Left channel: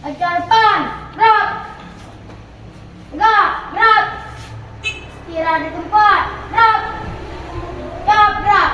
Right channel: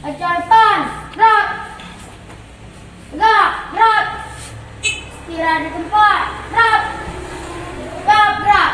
Ucapan gerak. Tegak, gerak. Istirahat di tempat, gerak. Tegak, gerak.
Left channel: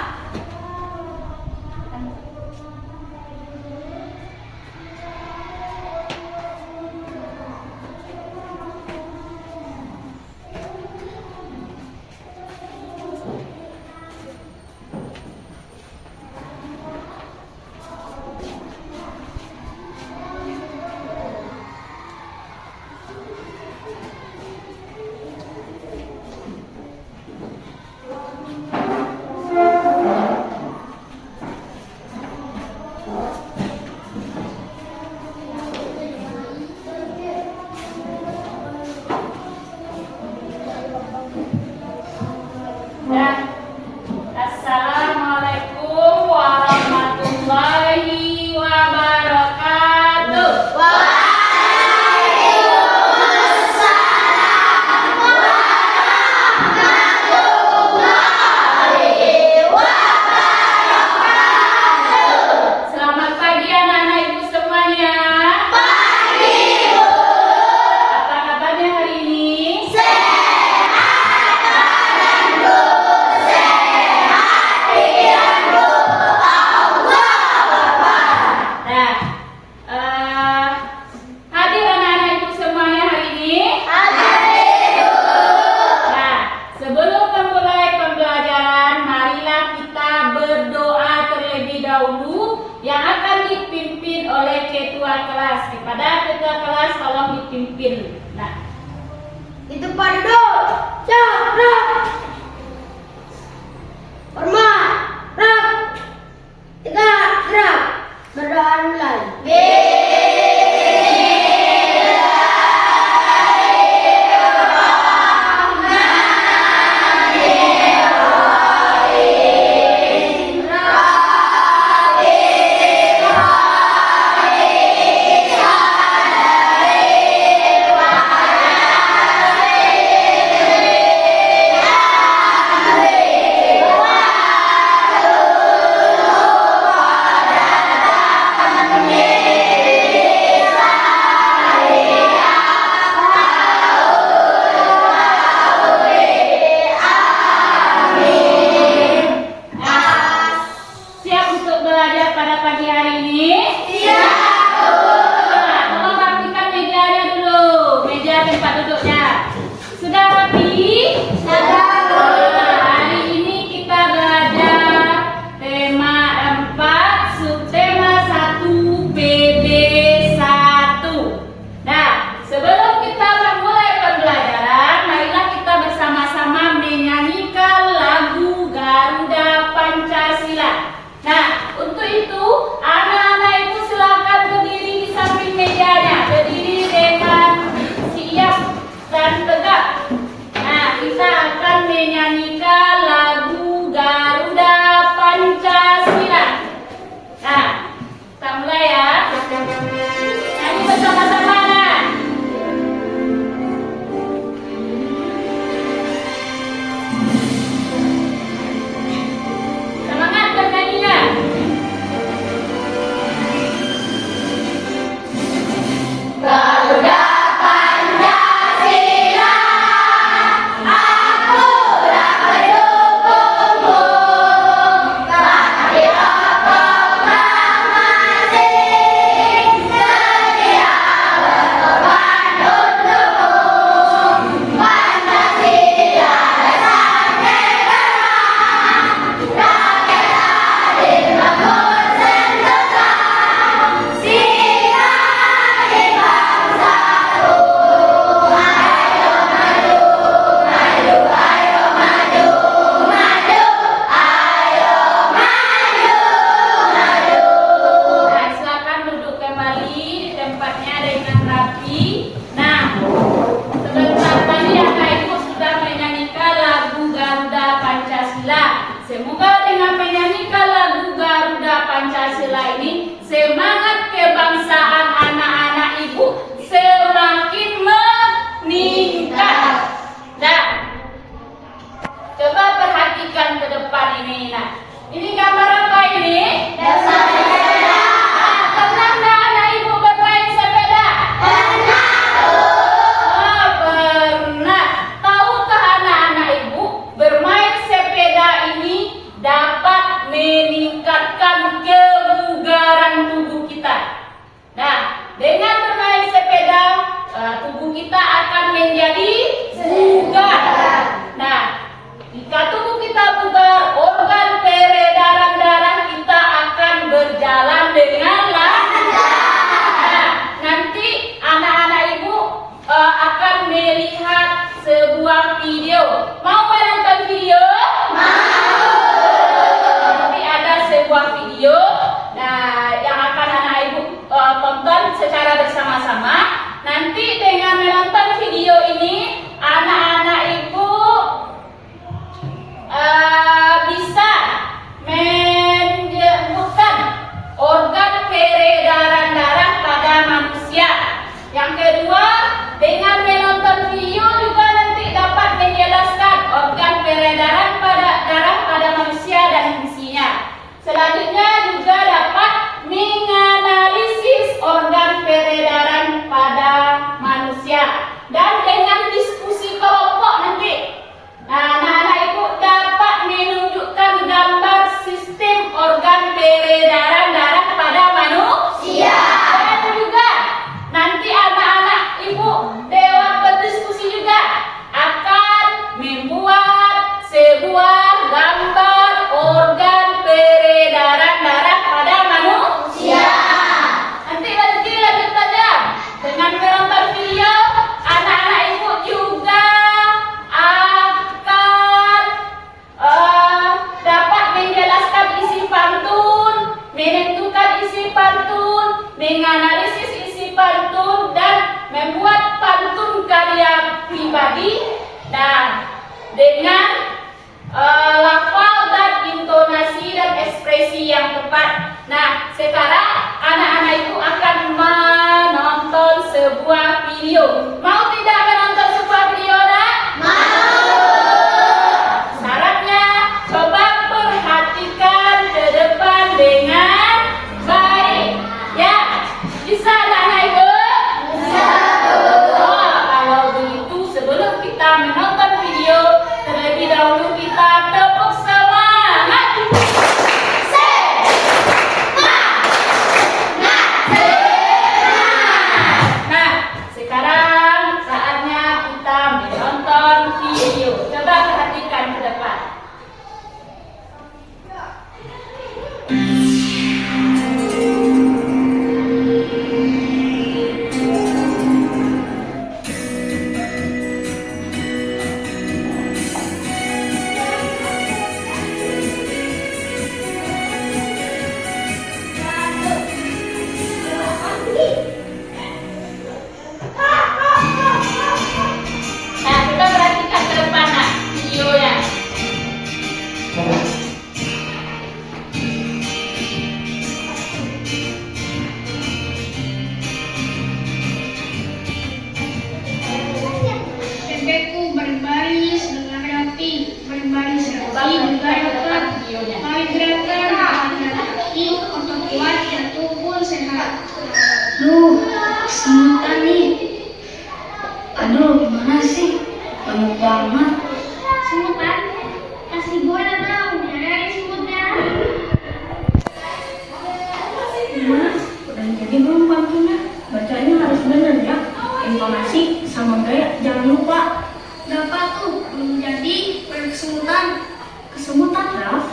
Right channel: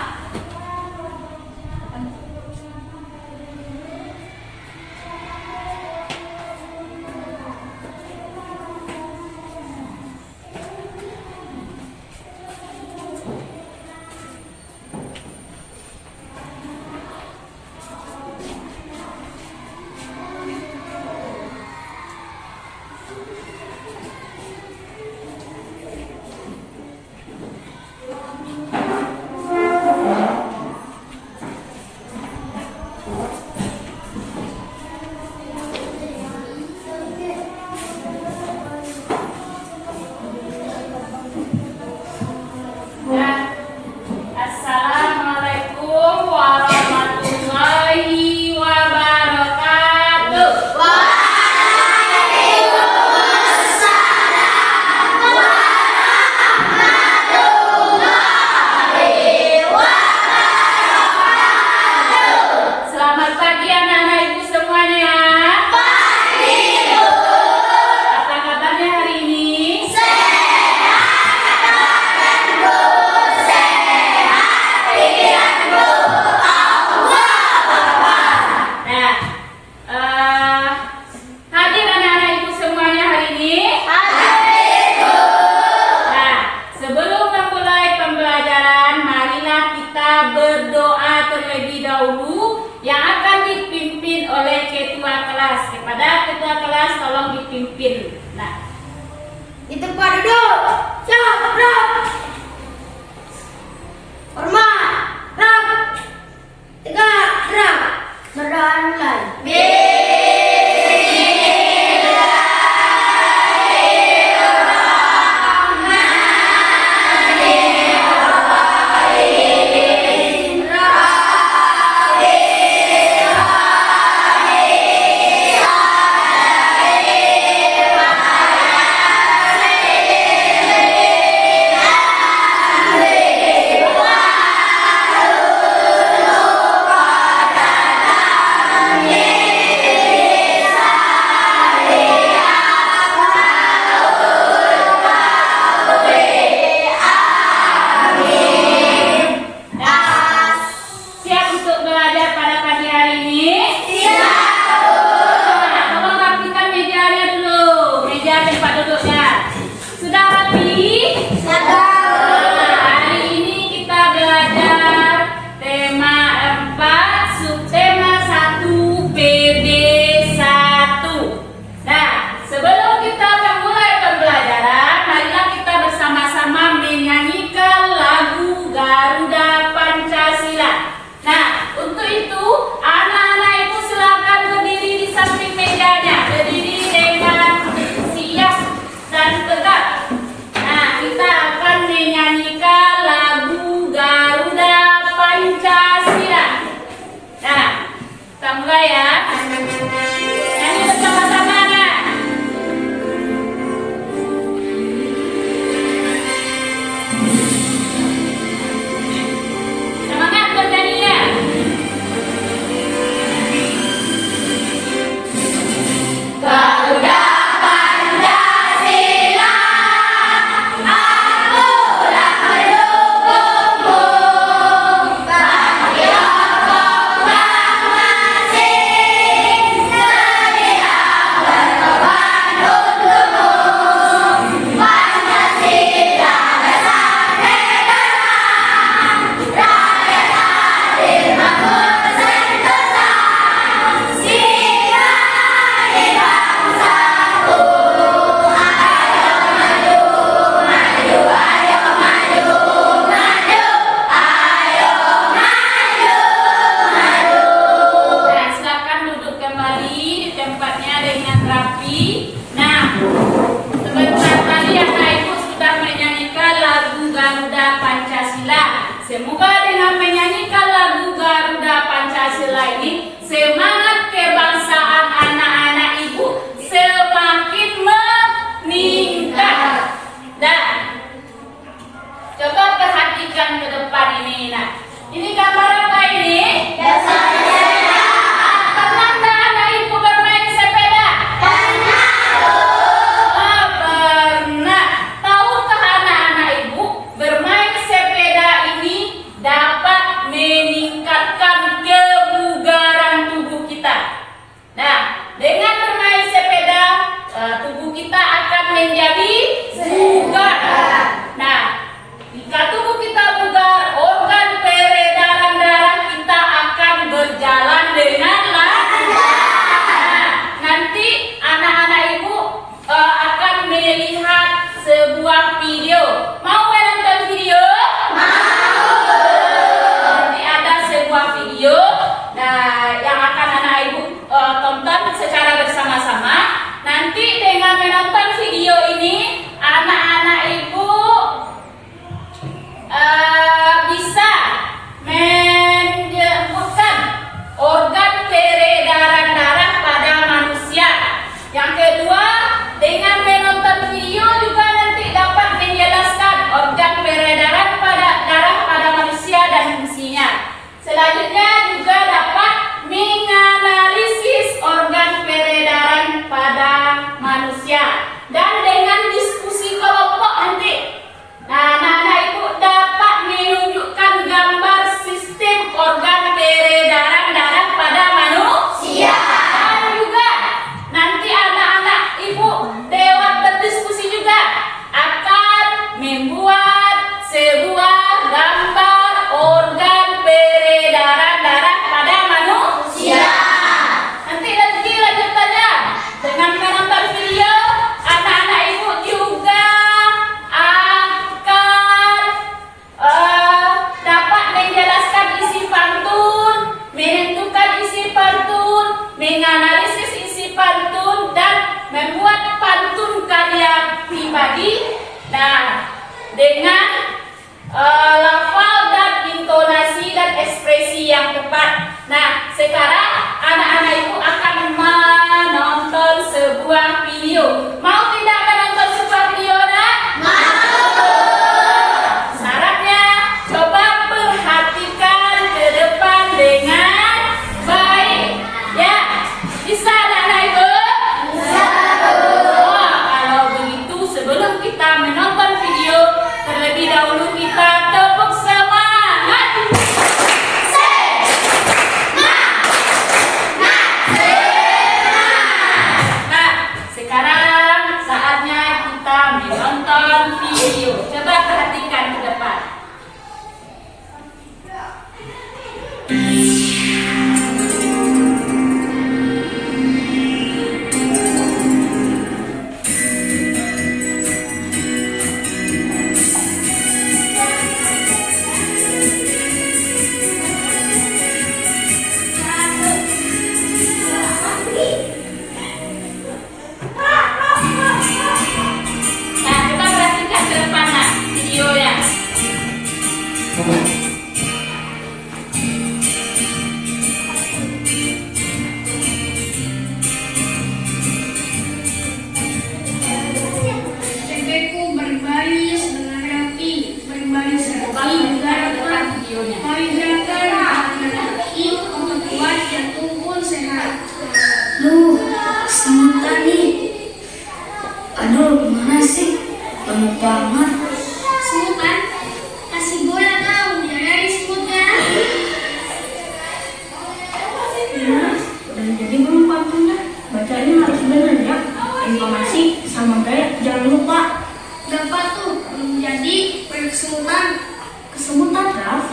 Assalamualaikum warahmatullahi wabarakatuh. Selamat pagi anak-anak ibu semuanya. Pagi bu. Apa kabarnya hari ini? Hadir anak-anak ibu semuanya hari ini. Nah, sebelum memulai pembelajaran, marilah kita berdoa terlebih dahulu yang akan dipimpin oleh ketua kelas. Kepada ketua kelas tolong dipimpin. Nah, Di tempat duduk. Siap, gerak. Hormat, gerak. Tegak, gerak. Berdoa mulai. Nanti dengan menonton video ini, anak-anak ibu bisa menyebutkan organ peredaran darah pada manusia. Yang kedua, dengan menonton video juga nanti dapat menjelaskan organ peredaran pada darah pada manusia dan fungsinya. Selanjutnya juga dapat menganalisis organ peredaran pada manusia dan dengan diskusi kelompok nanti. Nah, anak-anak ibu dapat menunjukkan gambar sistem organ peredaran darah pada manusia. Dan juga nanti anak-anak ibu lewat berdiskusi juga akan membuat sebuah gambar organ peredaran darah pada manusia. Nanti lanjut saja dengan menonton video, anak-anak ibu juga akan dapat menjelaskan isi pantun, menentukan isi pantun, menganalisis isi pantun, dan membuat pantun karya pribadi. Nah, dengan lafal dan intonasi dan ekspresi yang tepat. Nah, sekarang anak-anak ibu akan menonton sebuah video. Mau tidak menonton sebuah video, nak? Mau. Syaratnya, coba perhatikan ke depan dengan baik. Ya, bisa anak-anak ibu? Bisa. Oh, kalau begitu sebelum kita menonton video, terlebih dahulu kita tepuk semangat. Nah, sekarang saatnya kita menonton video. Coba perhatikan ke depan. Nah, coba perhatikan ke depan, nak, videonya. Bebekku berbaris dengan rapi, berbaris Coba rapi, perhatikan ke depan videonya. mari gerakan hati untuk kuat dan tubuh sehat. Duh, semutan nih. Aduh, gimana sih? Banyak banget. Semutan? Kasih bola kau, biar dari semutnya. Ya, dan jadi belum pantunnya. Bacanya harus benar ya. Informasi sama gaya jangan lupa. Dapat tuh, belum jadi kesemutan. Kesemutan, Raf?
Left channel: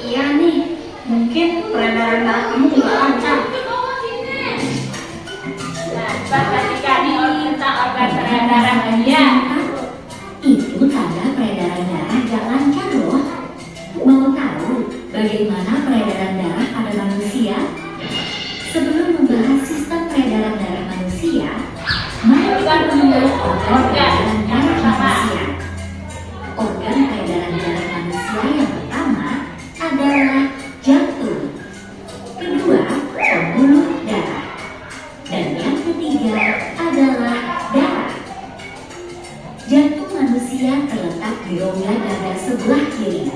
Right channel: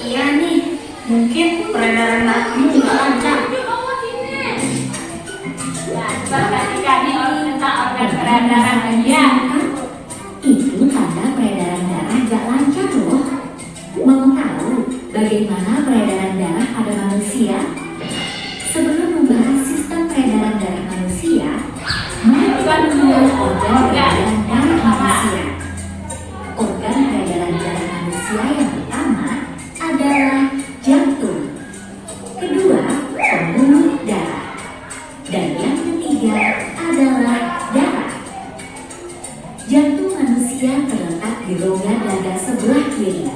Iya nih. Mungkin peredaran darah kamu juga lancar. Nah, coba perhatikan nih tentang organ peredaran aja. Itu tanda peredaran darah gak lancar loh. Mau tahu bagaimana peredaran darah pada manusia? Sebelum membahas sistem peredaran darah manusia, mari kita mengenal organ peredaran darah manusia. Organ peredaran darah manusia yang pertama adalah jantung. Kedua, pembuluh darah. Dan yang ketiga adalah darah. Jantung manusia terletak di rongga dada sebelah kiri.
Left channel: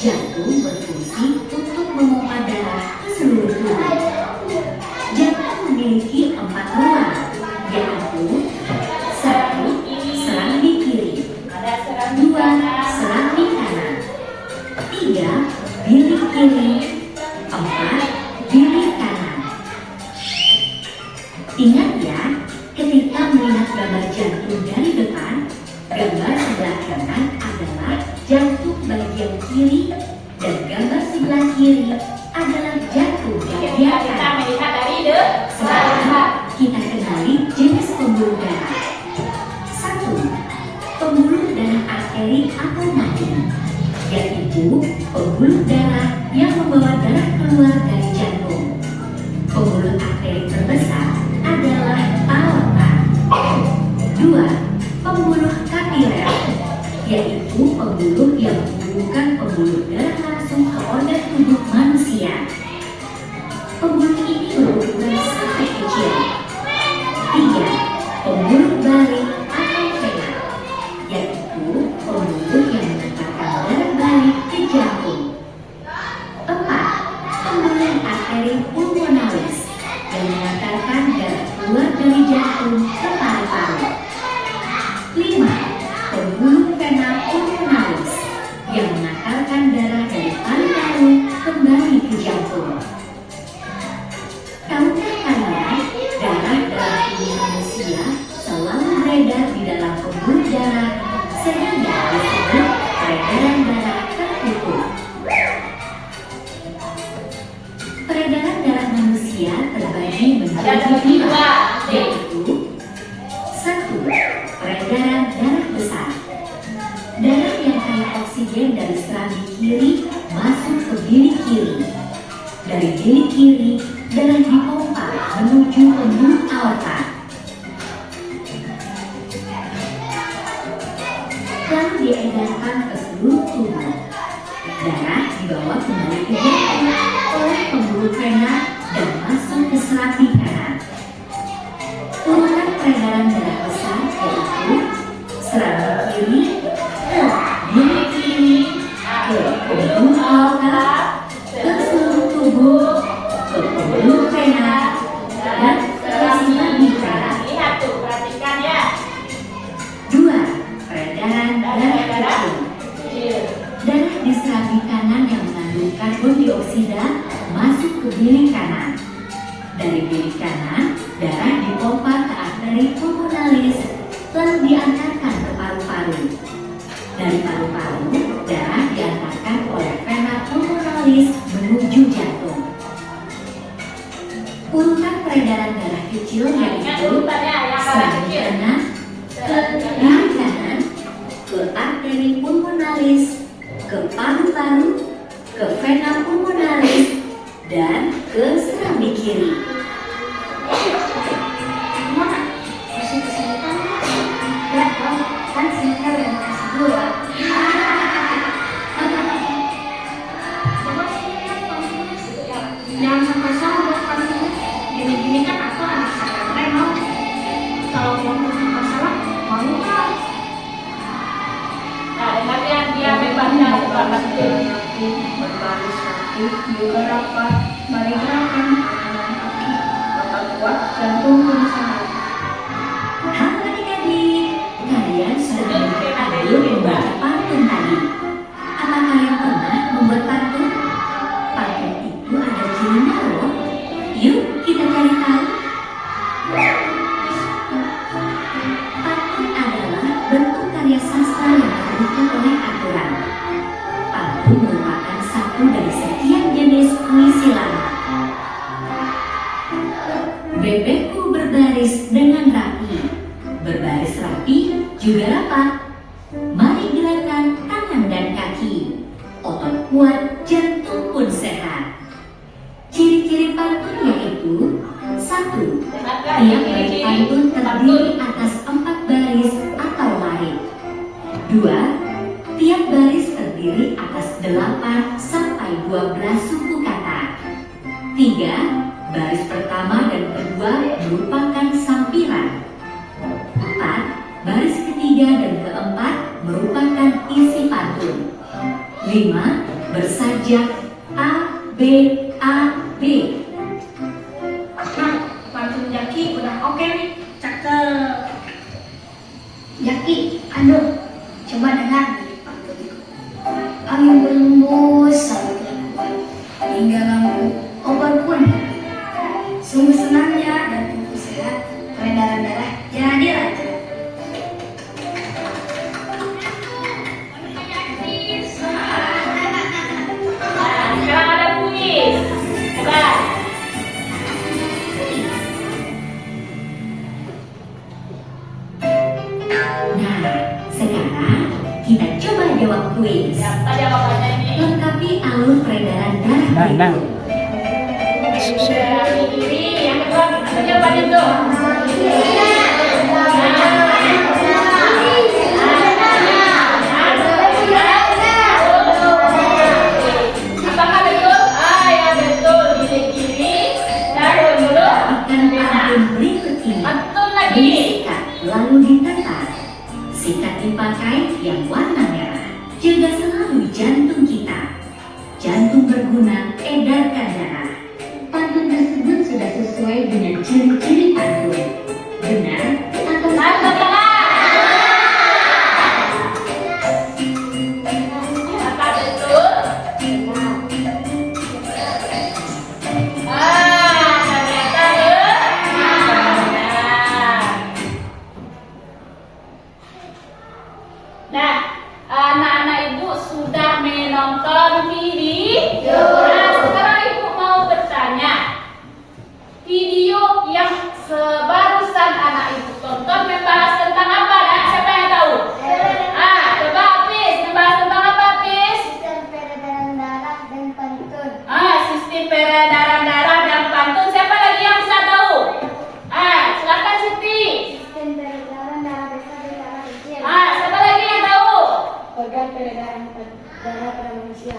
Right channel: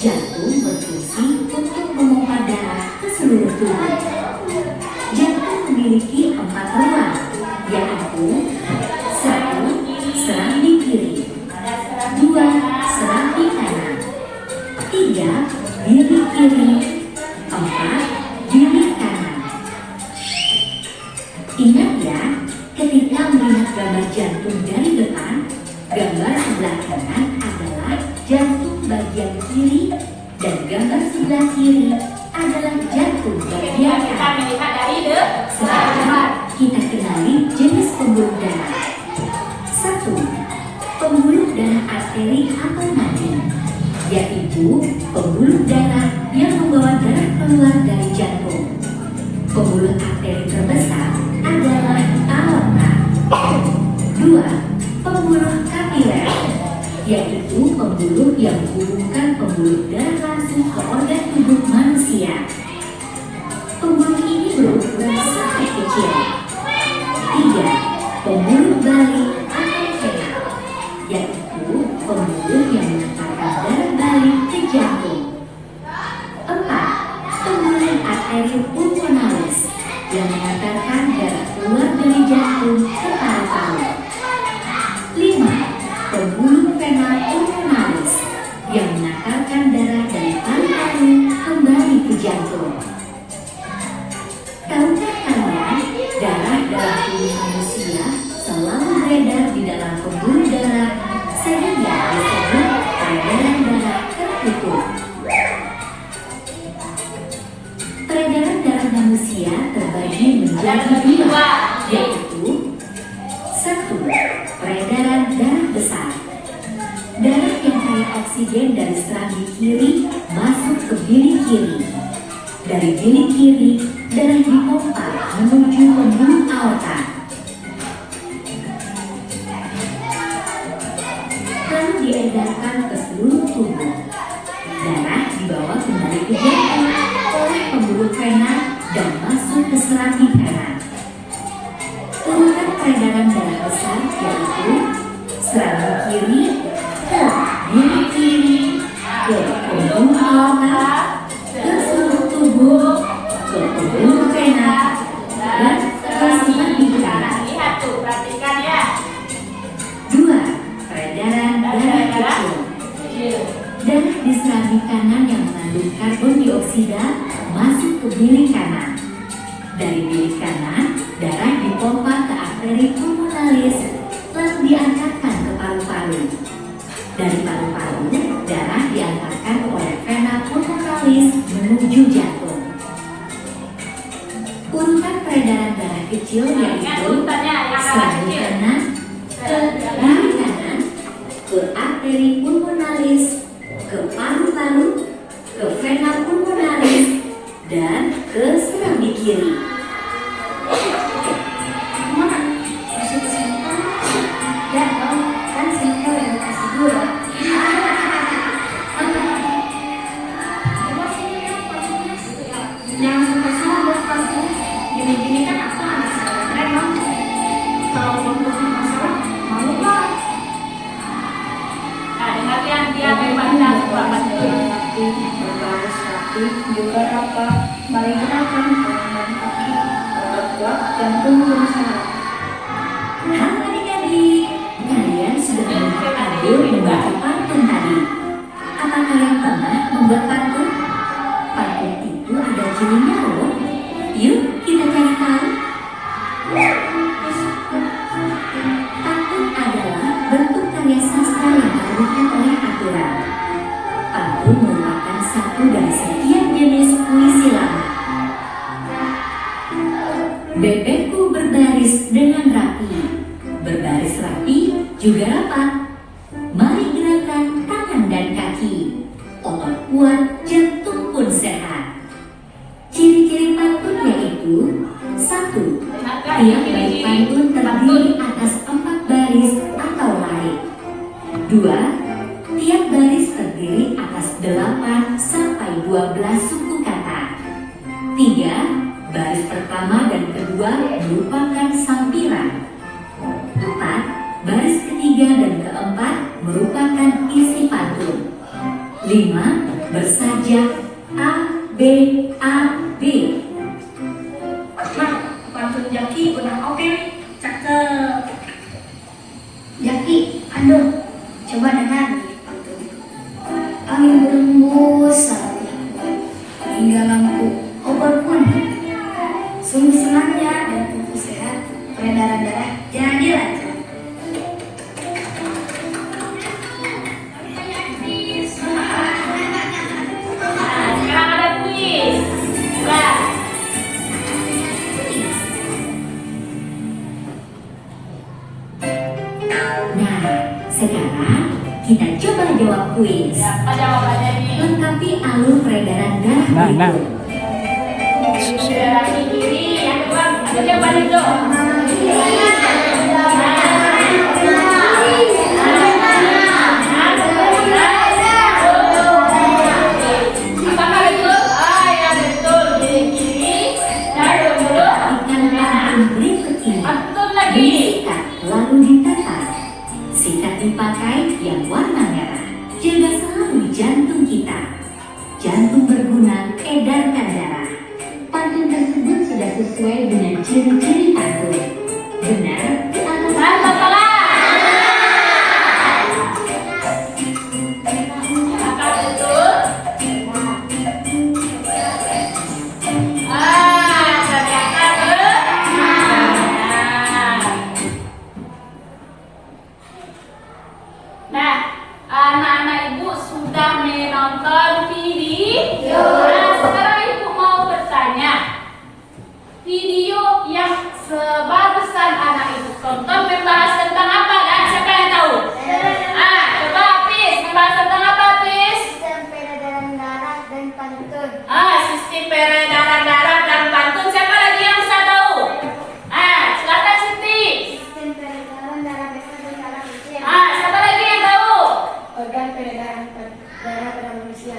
Jantung berfungsi untuk memompa darah ke seluruh tubuh. Jantung memiliki 4 ruang, yaitu 1. Serambi kiri, 2. Serambi kanan, 3. Bilik kiri, 4. Bilik kanan. Ingat ya, ketika melihat gambar jantung dari depan, gambar sebelah kanan adalah jantung bagian kiri dan gambar sebelah kiri adalah jantung bagian Kita kanan. melihat dari depan. Sekarang kita kenali jenis pembuluh darah. 1. Pembuluh darah arteri atau nadi, yaitu pembuluh darah yang membawa darah keluar dari jantung. Pembuluh arteri terbesar adalah aorta. pembuluh yang menghubungkan pembuluh darah langsung ke organ tubuh manusia. Pembuluh ini berukuran sangat kecil. 3. Pembuluh balik atau vena, yaitu pembuluh yang mengantarkan darah balik ke jantung. 4. Pembuluh arteri pulmonalis yang mengantarkan darah keluar dari jantung ke paru-paru. 5. Pembuluh vena pulmonalis yang mengantarkan darah dari paru-paru kembali ke jantung. Tahukah kalian, darah dalam tubuh manusia selalu beredar di dalam pembuluh darah sehingga disebut peredaran darah tertutup. Peredaran darah manusia terbagi menjadi dua, yaitu 1. Peredaran darah besar. Darah yang kaya oksigen dari serambi kiri masuk ke bilik kiri. Dari bilik kiri, darah dipompa menuju pembuluh aorta. Lalu diedarkan ke seluruh tubuh. Darah dibawa kembali ke jantung oleh pembuluh vena dan masuk ke serambi kanan. Urutan peredaran darah besar yaitu serambi kiri ke bilik kiri, ke pembuluh aorta, ke seluruh tubuh, ke pembuluh vena, dan ke serambi kanan. Lihat tuh, perhatikan ya. 2. Peredaran darah kecil. Darah di serambi kanan yang mengandung karbon dioksida masuk ke bilik kanan. Dari bilik kanan, darah dipompa ke arteri pulmonalis, lalu diantarkan ke paru-paru. Dari paru-paru, darah diantarkan oleh vena pulmonalis menuju jantung. Urutan peredaran darah kecil Ingat yaitu urutannya yang serambi kecil. kanan, ke bilik kanan, ke arteri pulmonalis, ke paru-paru, ke vena pulmonalis, dan ke serambi kiri. Mama, masih kesulitan? Ya dong, kan sini udah dikasih gula. Coba sini lihat pantunnya. Jangan kosong buat pantunnya. Gini-gini kan aku anak saya mau. Kalau mau masalah, mau nggak? Nah, dengar ya, dia membaca selamat dulu. Berbaris kaki, juga rapat, mari gerakan tangan kaki, otot kuat, jantung berusaha. Halo adik-adik, kalian sudah berhadir membaca pantun tadi. Apa kalian pernah membuat pantun? Pantun itu ada cirinya loh. Yuk kita cari tahu. Pantun adalah bentuk karya sastra yang ditentukan oleh aturan. Pantun merupakan satu dari sekian jenis puisi lama. Bebekku berbaris dengan rapi. Berbaris rapi juga rapat. Mari gerakan tangan dan kaki. Otot kuat, jantung pun sehat. Ciri-ciri pantun yaitu 1. Tiap baris pantun terdiri atas 4 baris atau larik. 2. Tiap baris terdiri atas 8 sampai 12 suku kata. 3. Baris pertama dan kedua merupakan sampiran. 4. Baris ketiga dan keempat merupakan isi pantun. 5. Bersajak A, B, A, B. Nah, pantun Jaki udah oke nih, cakep. Jaki, aduh, coba dengar nih pantun. Angin berembus sampai berembuan, hingga lampu obat pun. Sungguh senangnya dan tubuh sehat, peredaran darah jadi lancar. Nah, sekarang ada kuis. Ada. Nah, sekarang kita coba jawab kuis. Apa jawabannya ini? Lengkapi alur peredaran darah Nah. berikut. Dari kiri, yang kedua, apa jawabannya itu? Nah, berikut ini. Betul lagi. Beli sikat lalu ditekan. Sikat dipakai yang warna merah. Jaga selalu jantung kita. Jantung berguna edarkan darah. Pantun tersebut sudah sesuai dengan ciri-ciri pantun. Benar atau salah? Apa betul? Ternyata benar. Nah, anak-anak ibu sudah menonton video. Nah, sekarang ibu mau bertanya. Video yang sebarusan anak ibu tonton membahas tentang apa? Dan siapa yang tahu? Coba Hafiz, membahas tentang apa Hafiz? Sistem peredaran darah dan pantun. Sistem peredaran darah dan pantun. Siapa lagi yang bisa tahu? Silakan Siti. Sistem peredaran darah besar dan darah kecil. Siapa lagi yang tahu? Organ peredaran darah pada manusia.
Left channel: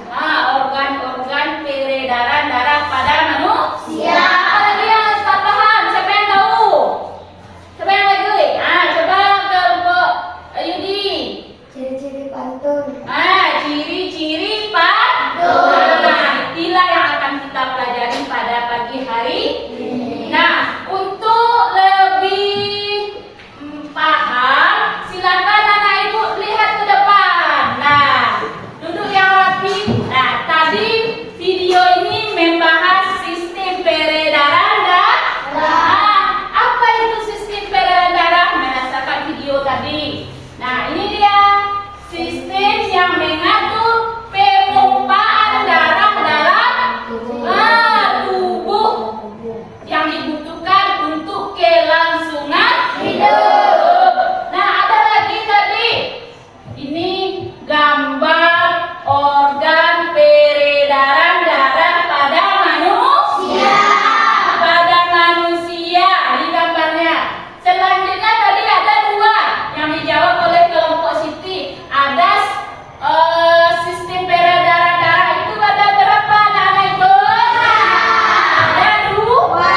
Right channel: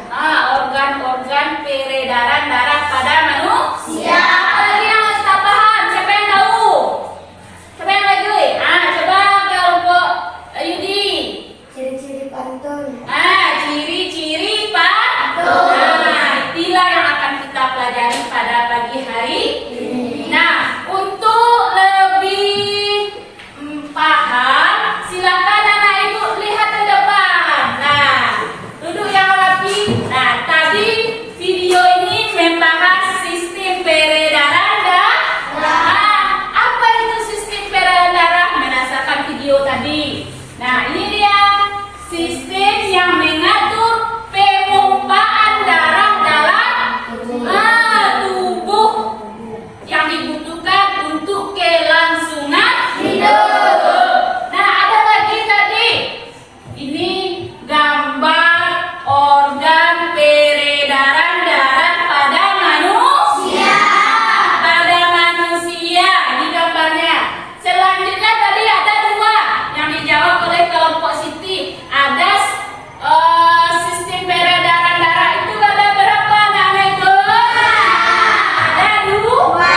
Organ-organ peredaran darah pada manusia. Apa lagi yang harus tak paham? Siapa yang tahu? Siapa yang lagi? Coba kelompok Yudi. Ciri-ciri pantun. Ciri-ciri pantun. Inilah yang akan kita pelajari pada pagi hari ini. Nah, untuk lebih paham, silakan anak ibu lihat ke depan. Nah, duduk yang rapi. Nah, tadi video ini membahas sistem peredaran darah. Apa itu sistem peredaran darah? Berdasarkan video tadi. Nah, ini dia sistem yang mengatur pemompaan darah dalam tubuh yang dibutuhkan untuk kelangsungan hidup. Nah, ada lagi tadi. Ini gambar organ peredaran darah pada manusia. Pada manusia di gambarnya. Selanjutnya tadi ada dua yang dijawab oleh kelompok Siti. Ada sistem peredaran darah itu ada berapa anak-anak itu? Ada dua.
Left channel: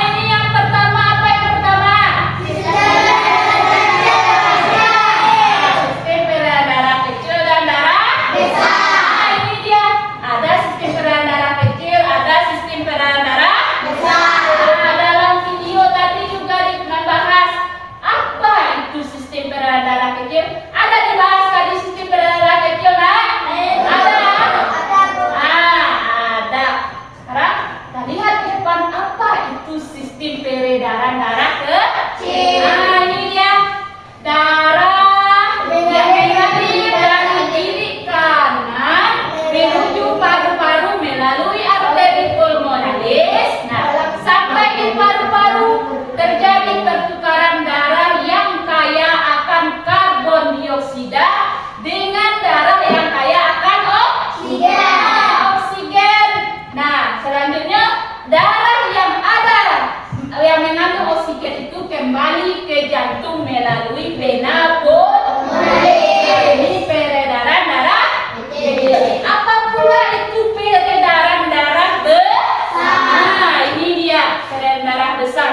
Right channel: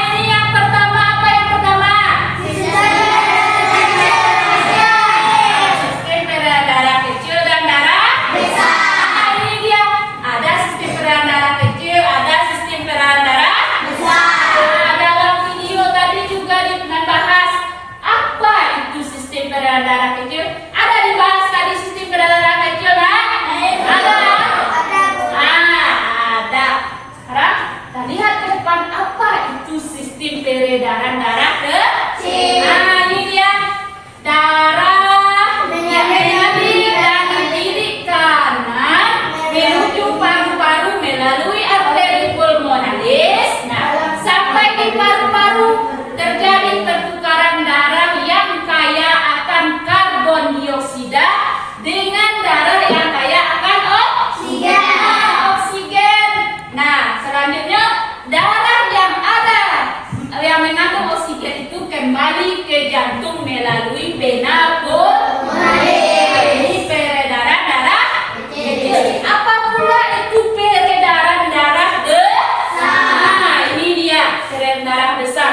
Ini yang pertama, apa yang pertama? Sistem peredaran darah kecil dan darah besar. Ini dia. Ada sistem peredaran darah kecil, ada sistem peredaran darah besar. Dalam video tadi juga membahas apa itu sistem peredaran darah kecil. Ada dibahas tadi sistem peredaran darah kecil kan? Ada. Ada. Sekarang kita lihat ke depan apa itu sistem peredaran darah kecil. Ini dia. Darah mengalir dari kiri kanan menuju paru-paru melalui arteri pulmonalis. Nah, sampai ke paru-paru terjadi pertukaran darah yang kaya akan karbon dioksida dengan darah yang kaya akan oksigen. Nah, selanjutnya darah yang mengandung oksigen itu kembali ke jantung melalui vena pulmonalis. Ini peredaran darah kecil. Apa pula itu peredaran darah besar? Ini dia peredaran darah besar.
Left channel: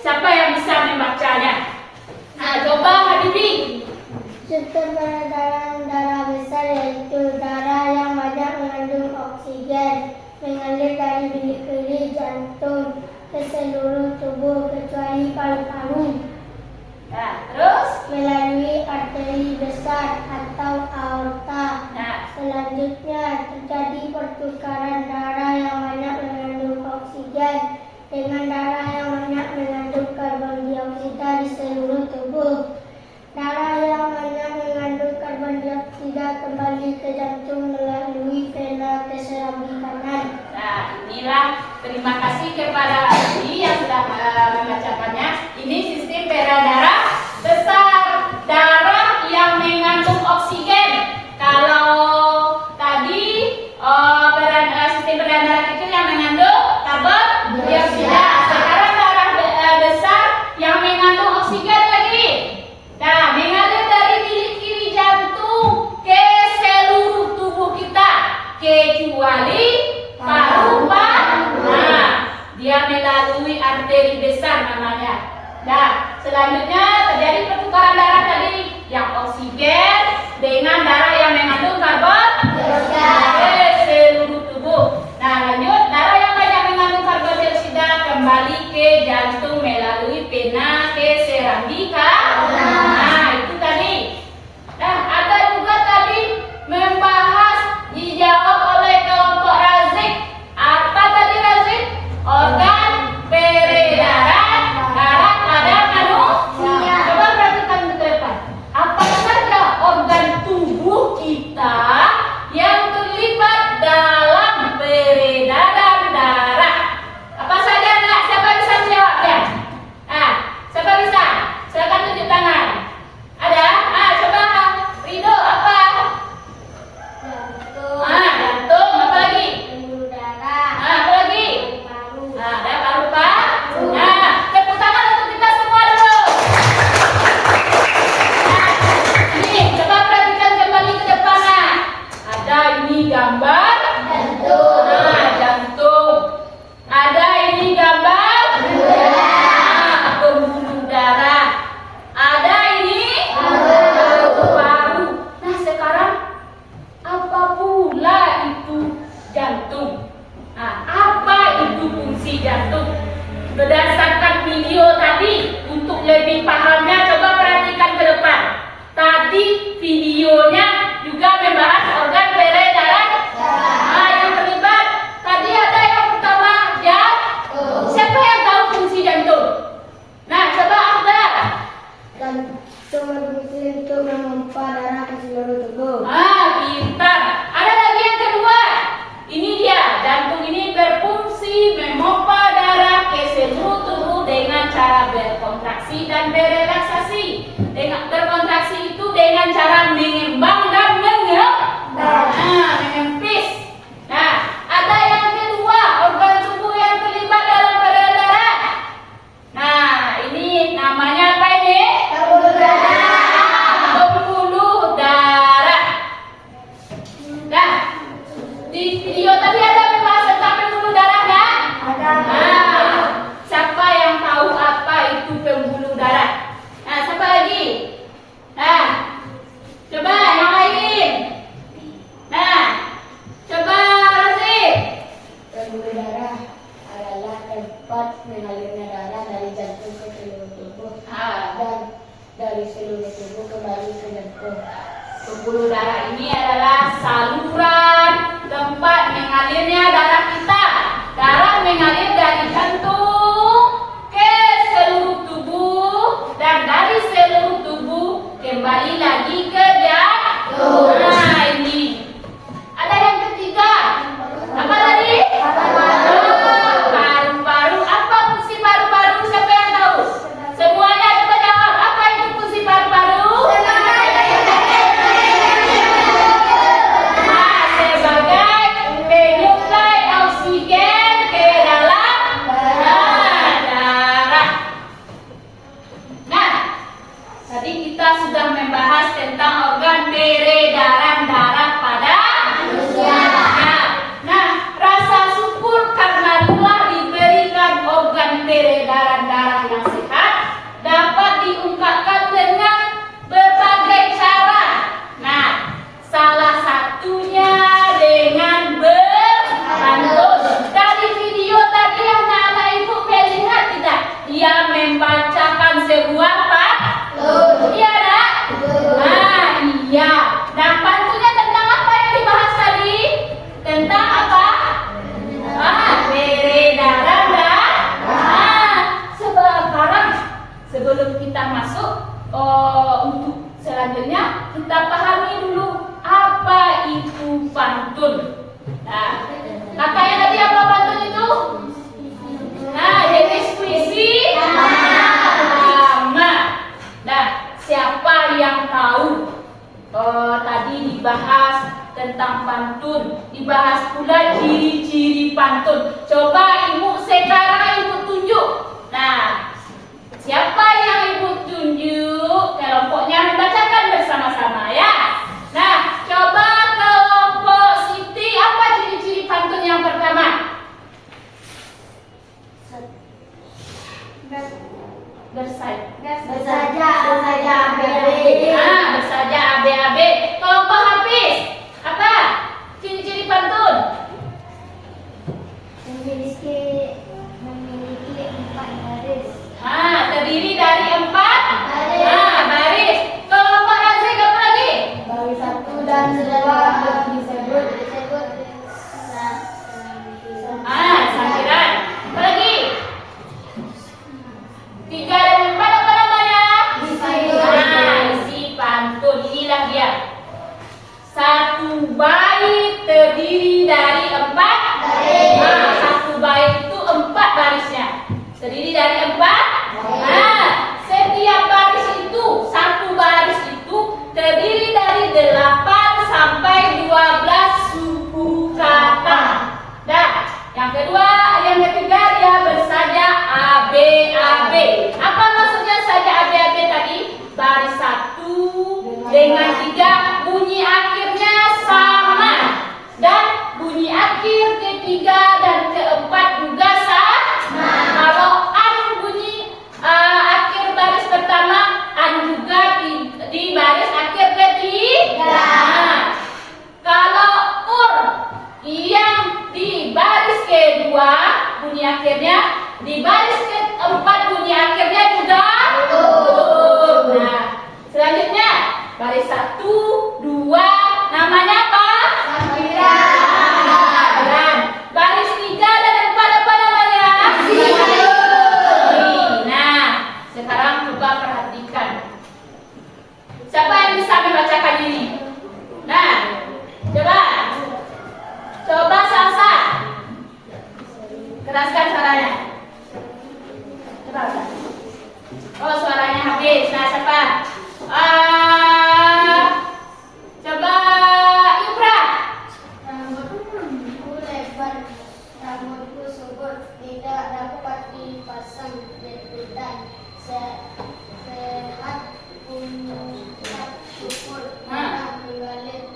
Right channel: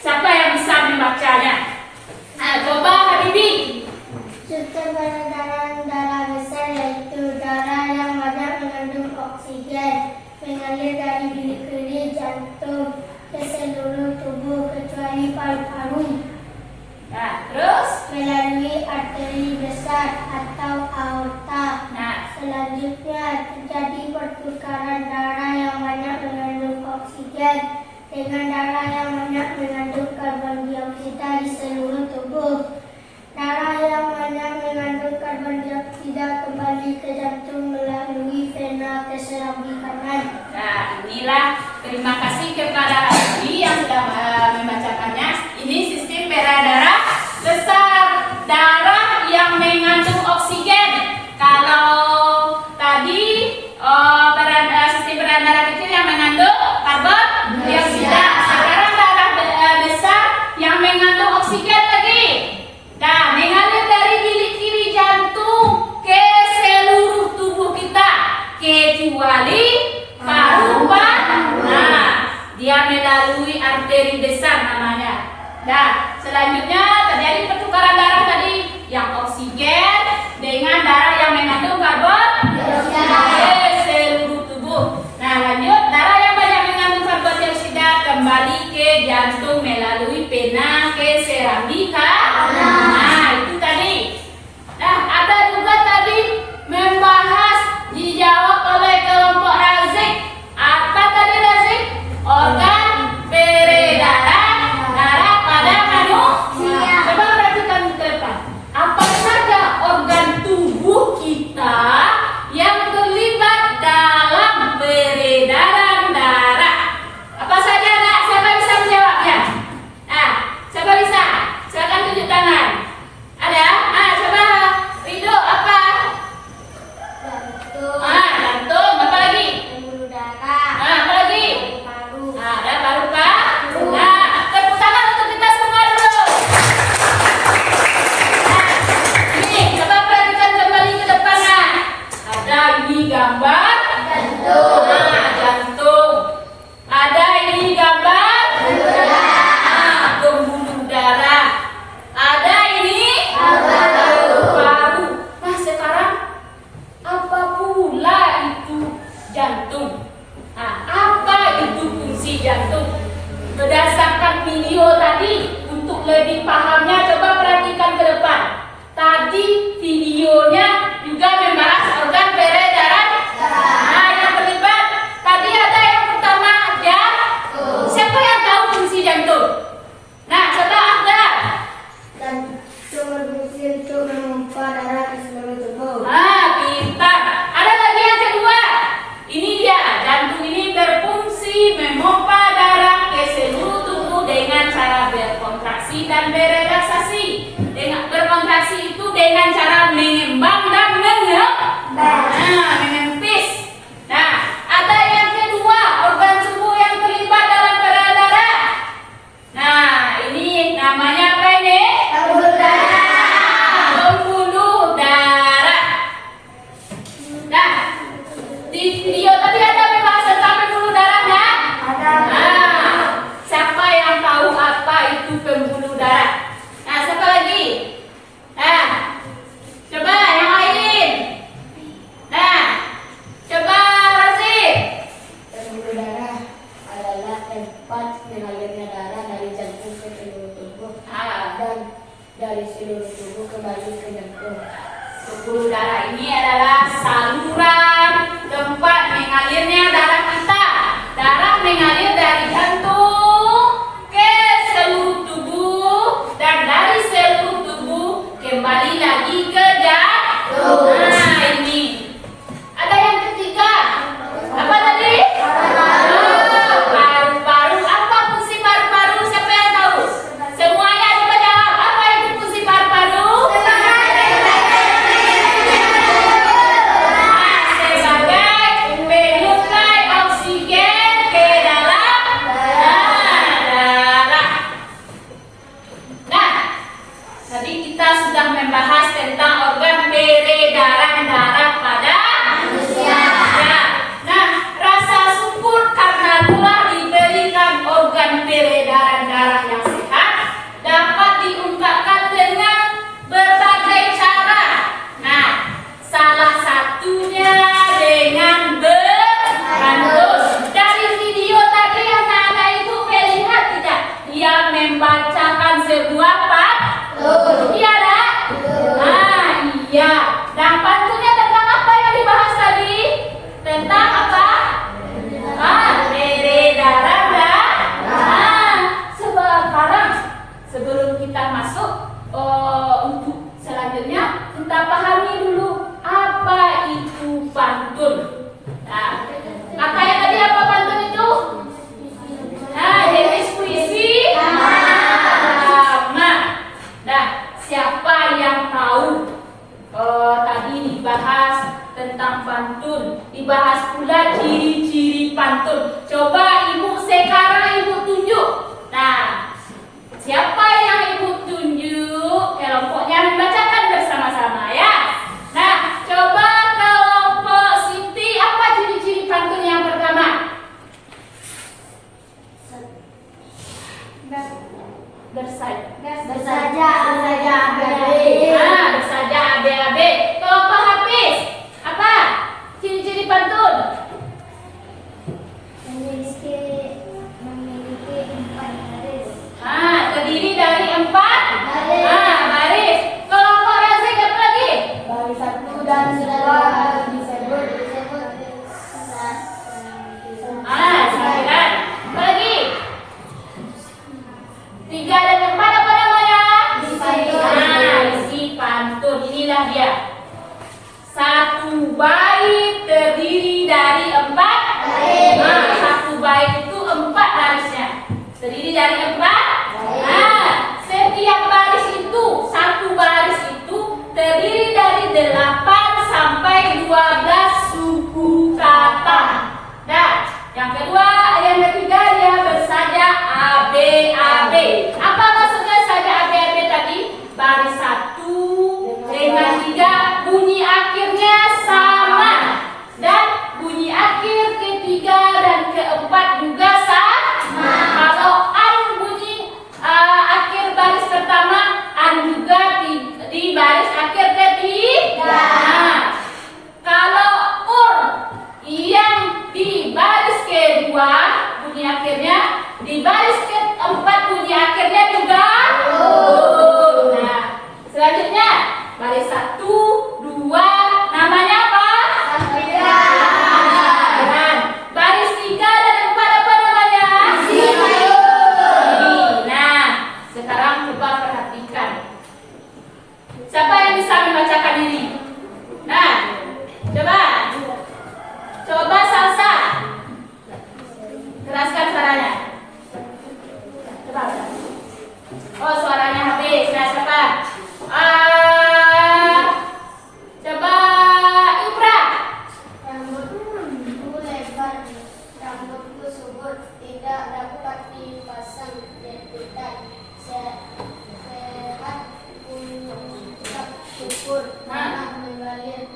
Siapa yang bisa membacanya? Coba Habibi. Sistem peredaran darah besar yaitu darah yang banyak mengandung oksigen mengalir dari bilik kiri jantung ke seluruh tubuh kecuali paru-paru Terus? melalui arteri besar atau aorta. Selanjutnya terjadi pertukaran darah yang banyak mengandung oksigen dengan darah yang banyak mengandung karbon dioksida di seluruh tubuh. Darah yang banyak mengandung karbon dioksida kembali ke jantung melalui vena ke serambi kanan. Inilah terima kasih kepada Abi yang sudah semuanya. Nah, selanjutnya terjadi pertukaran darah tadi yang oksigen dengan darah yang mengandung karbon dioksida seluruh tubuh. Nah, lanjut, darah yang banyak mengandung karbon dioksida kembali ke jantung melalui vena ke serambika. Nah, itu tadi. Nah, ada juga tadi membahas dijawab oleh kelompok Razik. Apa tadi Razik? Organ peredaran darah pada manusia. Coba perhatikan ke depan. Apa saja organ tubuh kita yang terlibat dalam peredaran darah? Apa saja, Nak? Siapa bisa menjawabnya? Nah, siapa bisa? Silakan tunjuk tangan. Ada? Coba Rido, apa? Jantung. Apa lagi? Pembuluh darah. Apa lagi? Paru. Ada paru-paru. Nah, tepuk tangan untuk kita semua dulu. Ini, coba perhatikan kembali ke depan. Ada ini gambar jantung. Jantung. Ada ini gambar pembuluh darah. Ada ini paru. Nah, sekarang apa pula itu jantung? Nah, apa itu fungsi jantung? Berdasarkan video tadi, untuk lebih pahamnya coba perhatikan ke depan. Tadi videonya juga membahas organ peredaran darah yang terlibat. Tadi ada yang pertama jantung. Siapa yang tahu fungsi jantung? Nah, coba ada. Jantung berfungsi untuk memompa darah ke seluruh tubuh. Pintar. Ada lagi yang kedua. Ini dia, jantung ini berfungsi memompa darah ke seluruh tubuh dengan cara berkontraksi dan berelaksasi. Dengan berkontraksi itu dengan cara mengembang dan mengempis. Nah, ada yang kedua, organ tubuh yang terlibat dalam peredaran darah. Nah, ini namanya apa ini? Pembuluh darah. Pembuluh darah. Nah, di video tadi ada membahas tentang pembuluh darah, kan? Ada. Siapa yang tahu apa itu pembuluh darah? Nah, siapa lagi? Nah, coba yang lain. Nah, coba Razik. Pembuluh darah adalah tempat mengalirnya darah dari jantung ke seluruh tubuh dan dari seluruh tubuh kembali ke jantung. Pembuluh darah ini adalah saluran tempat mengalirnya darah kita. Darah mengalir dari jantung ke seluruh tubuh dan dari seluruh tubuh kembali lagi ke jantung. Nah, ini. Ada yang ketiga. Apa tadi? Paru-paru. Apa fungsi paru-paru? Siapa yang tahu? Semuanya coba jawab. Apa itu fungsi paru-paru? Sebagai penyuplai oksigen ke dalam darah. Nah, tadi kita sudah membahas tentang organ peredaran darah pada manusia. Nah, rasa syukur karena telah diberikan organ peredaran darah yang sehat dapat diungkapkan dengan berbagai cara. Nah, salah satunya dengan berpantun. Dari video tadi anak-anak itu melihat tidak? Dia membacakan sebuah pantun. Iya, Nak? Nah, iya. Nah, pantunnya tentang apa yang dibahas tadi? Tentang apa? Peredaran darah. Sekarang sebelum kita masuk untuk selanjutnya kita pahami dulu apa itu pantun. Nah, katanya tadi apa pantun itu? Nah, jenis puisi lama. Nah, siapa yang tahu? Tadi dibahas tentang pantun, dibahas pula ciri-ciri pantun. Coba Ibu sekarang Ibu tunjuk. Nah, siapa yang Ibu tunjuk? Kelompoknya membacakan bersama-sama ya. Nah, coba kelompok Siti, apa ciri-ciri pantun yang pertama? Bersaja abe-abe. Bersaja abe-abe. Kelompok Hafiz. Apa? Ciri-ciri pantun. Memiliki 4 baris. Terdiri dari 4 baris. Kelompok Razik apa lagi? Baris 1 dan 2 disebut Sampiran. Apa lagi? 3 dan 4 apa namanya? Isi pantun. Inilah dia. Satu bait terdiri dari 4 baris. Satu bait itu 4 barisnya. Terdiri dari 4. Setiap baris itu, satu baris itu terdiri dari 8 sampai 12 suku kata. Dan yang ketiga dia bersaja AB. Apa maksudnya saja AB tadi? Baris 1 dengan 3 bunyi akhirnya sama, dan bunyi akhir ketiga dan keempat juga sama. Kalau an bunyi akhir baris pertama, an juga di baris akhir ketiga. Kalau yang di baris kedua bunyi akhirnya, di baris keempat bunyi akhirnya juga Nah, selanjutnya baris 1, 2 namanya apa? Sampiran. Baris 3 dan 4 apa namanya? Nah, sekarang coba perhatikan. Siapa yang bisa membacakan ini? Nah, coba Salsa. Keraskan suaranya. Coba. Oh, suaranya habis. Nah, siapa? Coba Ibra. Rambutku lebar, rambutku subur, tidak dapat dipasang jepitan. Sehat mengucap syukur, tanah mengalir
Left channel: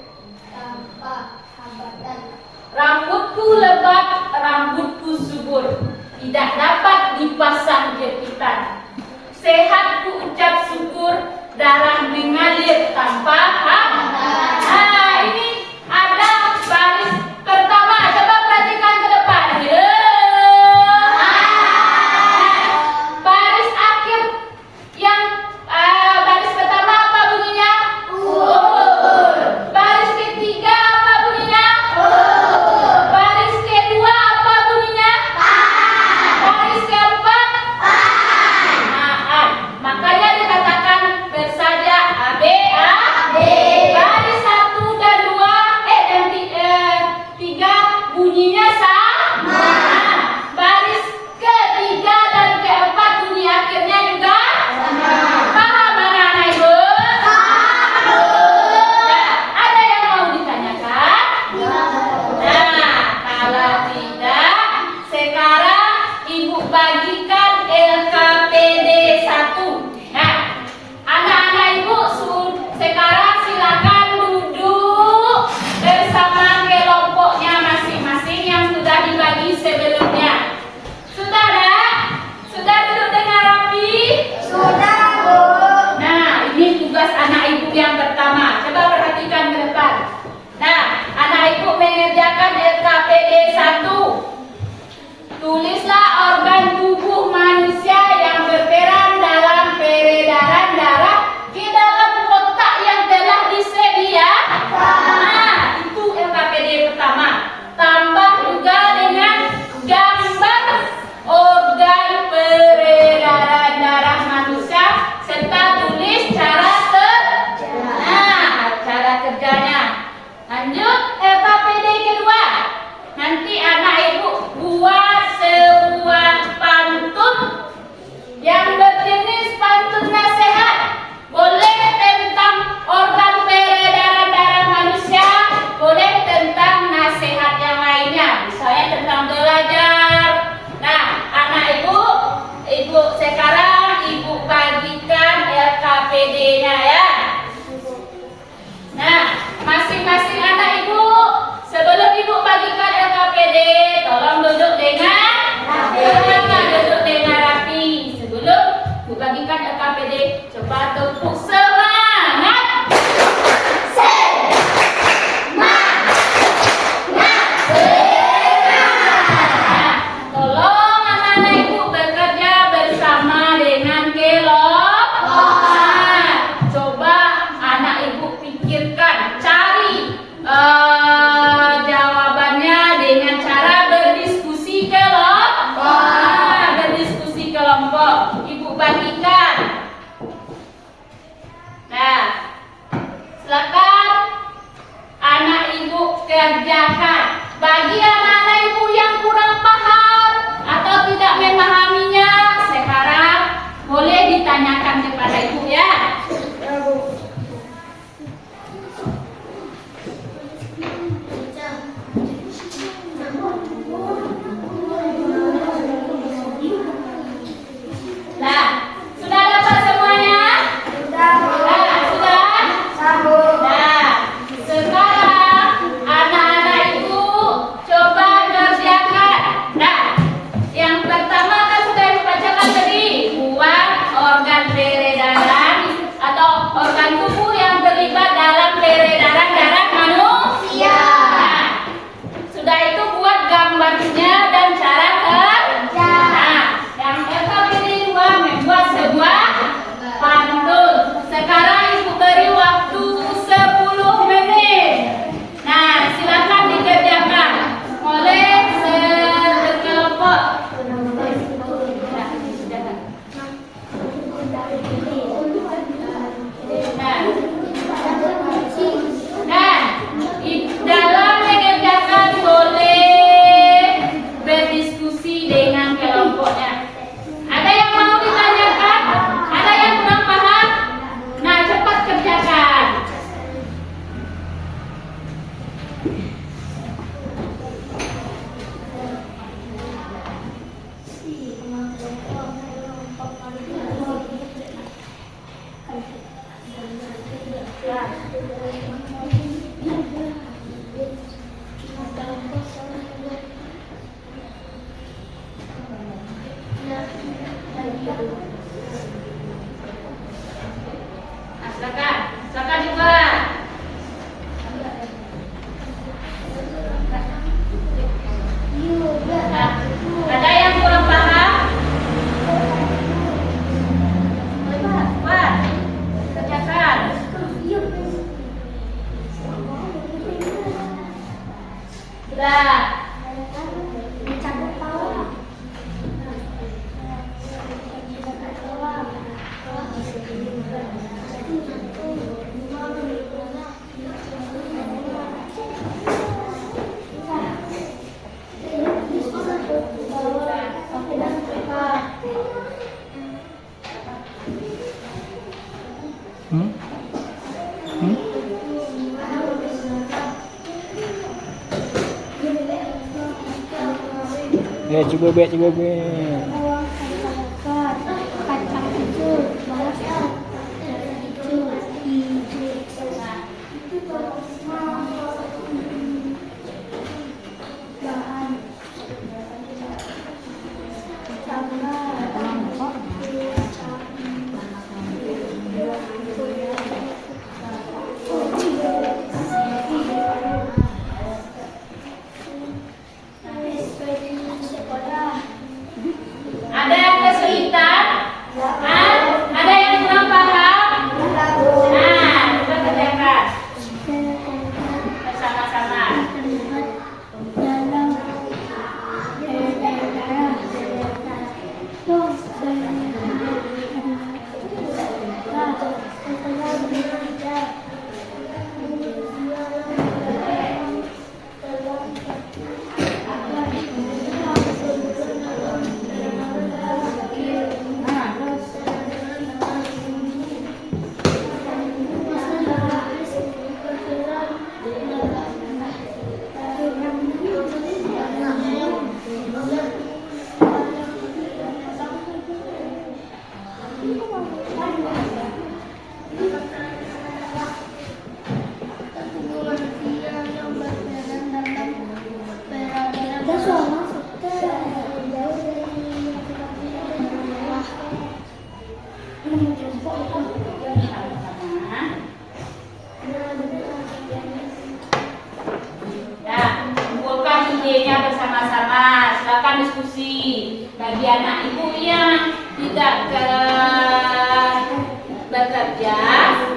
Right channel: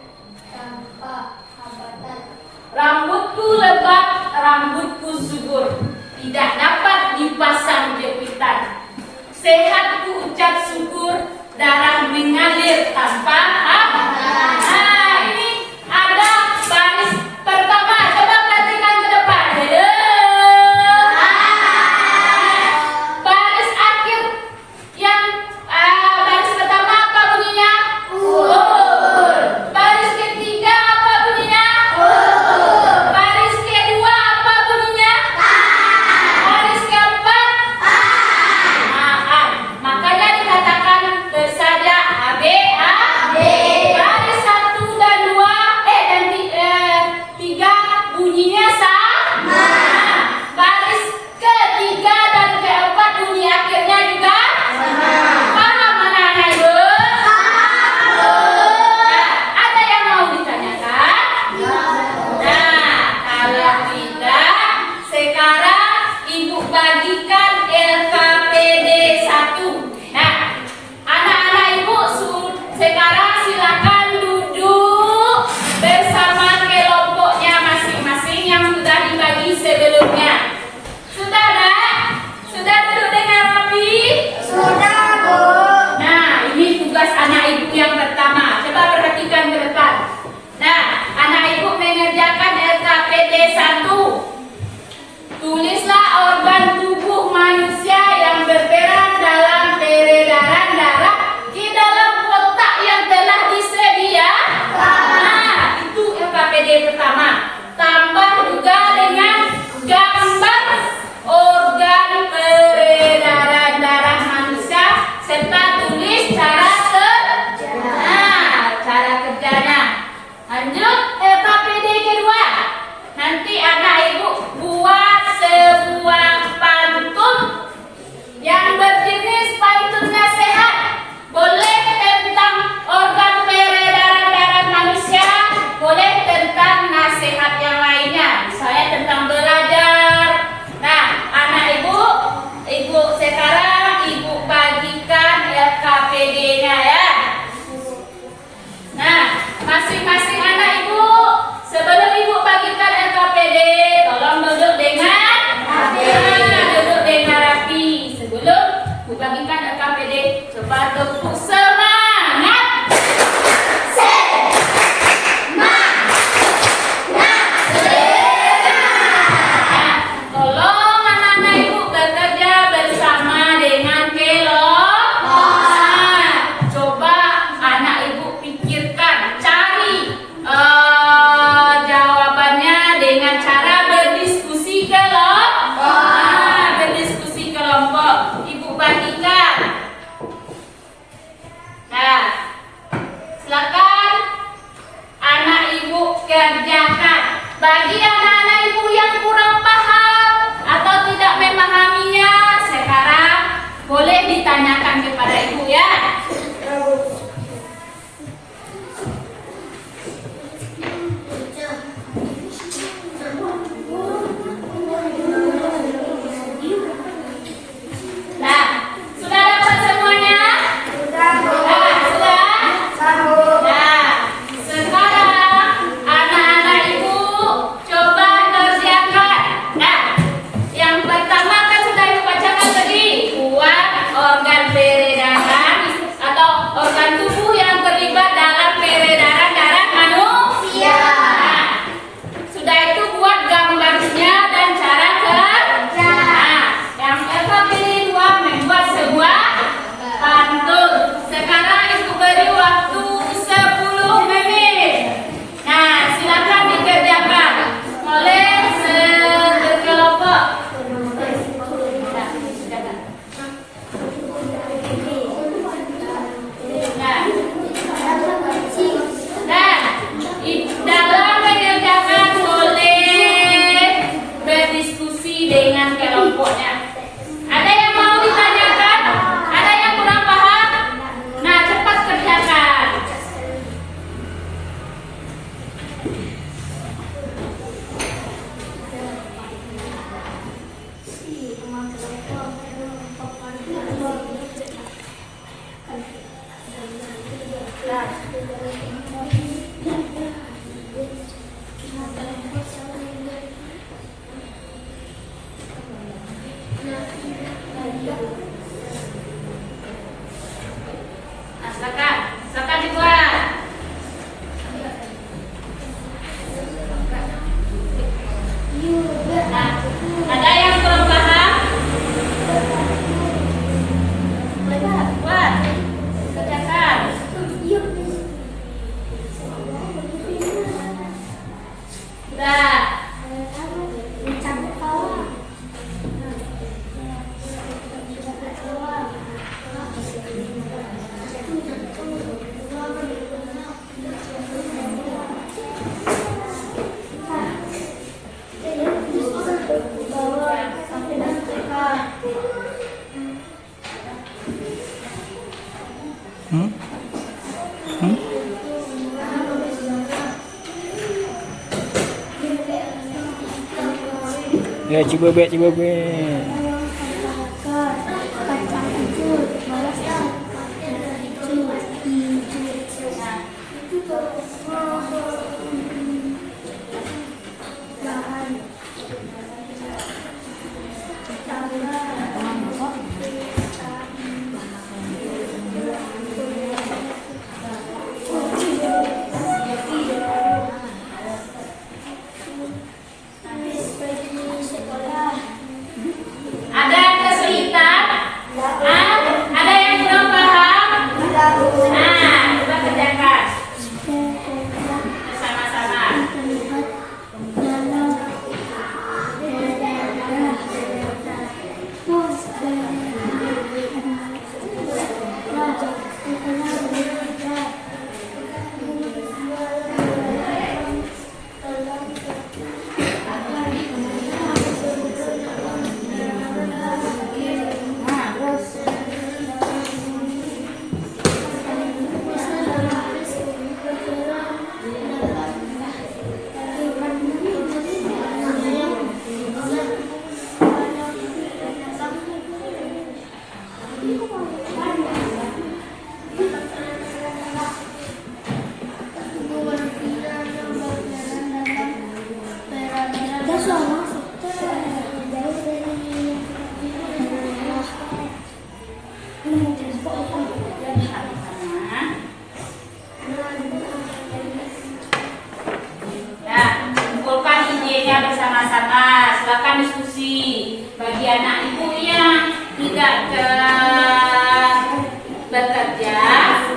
tanpa hambatan. Rambutku lebat, rambutku subur, tidak dapat dipasang jepitan. Sehatku ucap syukur, darah mengalir tanpa hambatan. Nah, ini ada baris pertama. Coba perhatikan ke depan. Baris akhir yang baris pertama apa bunyinya? Baris ketiga apa bunyinya? Baris kedua apa bunyinya? Baris keempat? Makanya dikatakan bersaja AB. Bu bagikan LKPD. Coba tepuk semangat. Tolong anak-anak ibu bekerja bersama dengan kelompok. Coba anak ibu pikirkan, cari jawabannya dengan cara berdiskusi kelompok. Berdiskusi kelompok. Ibu bagikan. Nah, silakan anak ibu kerjakan. Bagi anak-anak ibu yang kurang paham atau tidak memahaminya, sekarang boleh ditanyakan kepada ibu ya. Nah, sudah dapat semuanya? Sudah. Nah, sekarang anak-anak ibu coba kerjakan. Nah, yang pertama kan sudah ibu bacakan tadi, buat organ peredaran atau organ tubuh yang terlibat dalam peredaran darah manusia. Nah, sudah itu buat gambarnya dan cara kerja. Nah, yang LKPD 2 membuat sebuah pantun. Sekarang ibu beri waktu 10 menit. Nah, silakan dikerjakan oleh berkelompok. Dalam mengerjakan boleh berdiskusi dengan kelompoknya. Ada yang mau ditanyakan? Ada yang kurang paham? Nah, cepat kerjakan. Nah, silakan dibuat. Nah, ada yang kurang paham? Buat, kerjakan. Sudah. Ya, cuba be. Kacang hijau, balas Ada yang kesulitan? Ada yang kurang paham? Nah, coba kerjakan bersama-sama. Nah, kumpulkan idenya bersama-sama. Silakan diskusi. Bagi anak ibu yang tidak bekerja,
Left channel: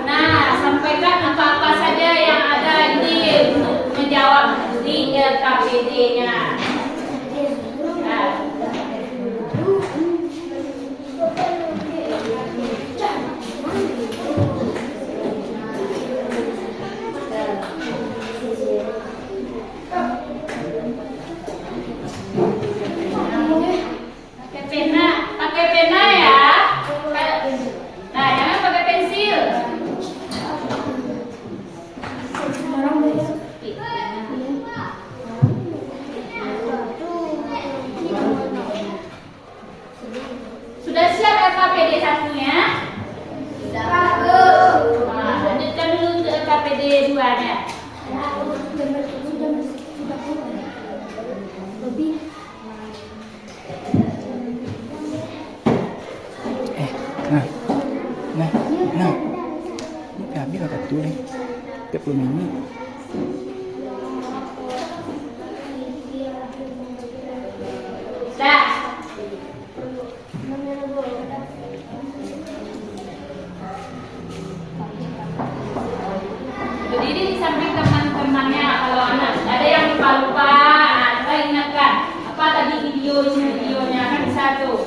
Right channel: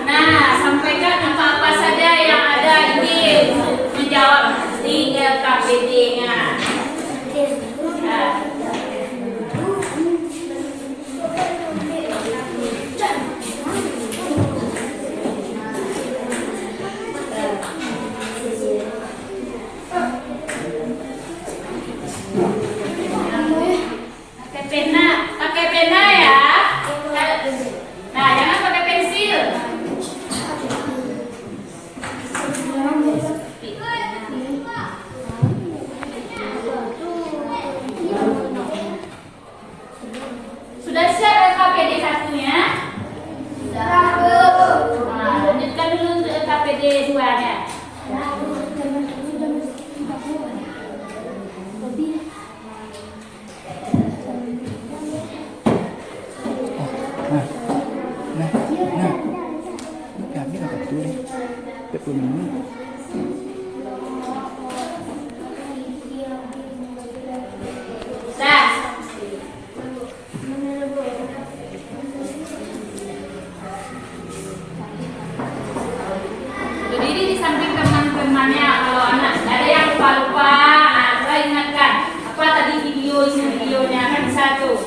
nah sampaikan apa saja yang ada ide untuk menjawab di LKPD-nya. Nah. Pakai pena ya. Nah, jangan pakai pensil. Sudah siap LKPD satunya? Nah, lanjutkan dulu untuk LKPD 2-nya. Kami dapat tuh 40 menit. Berdiri di samping teman-temannya. Kalau anak ada yang lupa-lupa, coba ingatkan apa tadi videonya kan bisa tuh.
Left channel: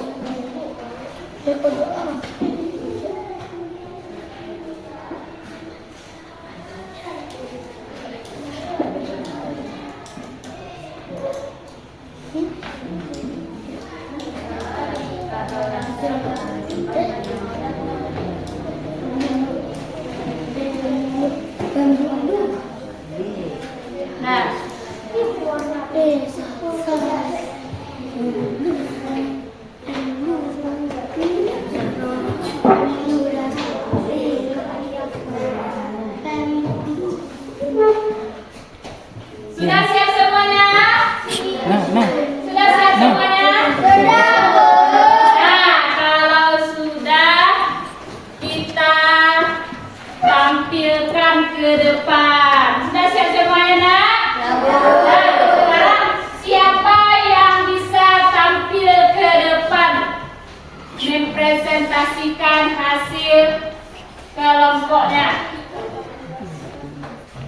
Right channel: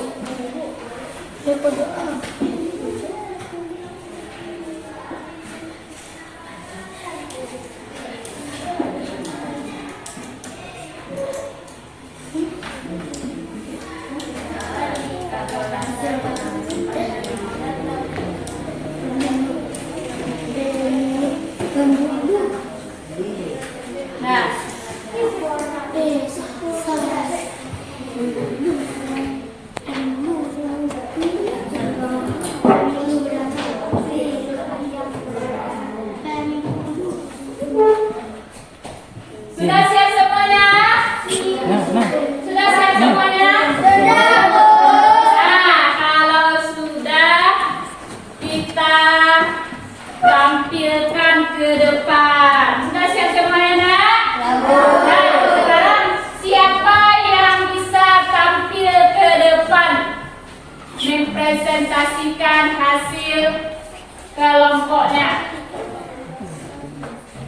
Nah, sudah siap semuanya? Sudah siap semuanya? Nah, kalau sudah, kita tampilkan ke depan. Sudah siap semuanya, nak? Nah, sekarang siapa yang bisa tampil ke depan mempresentasikan hasil kelompoknya?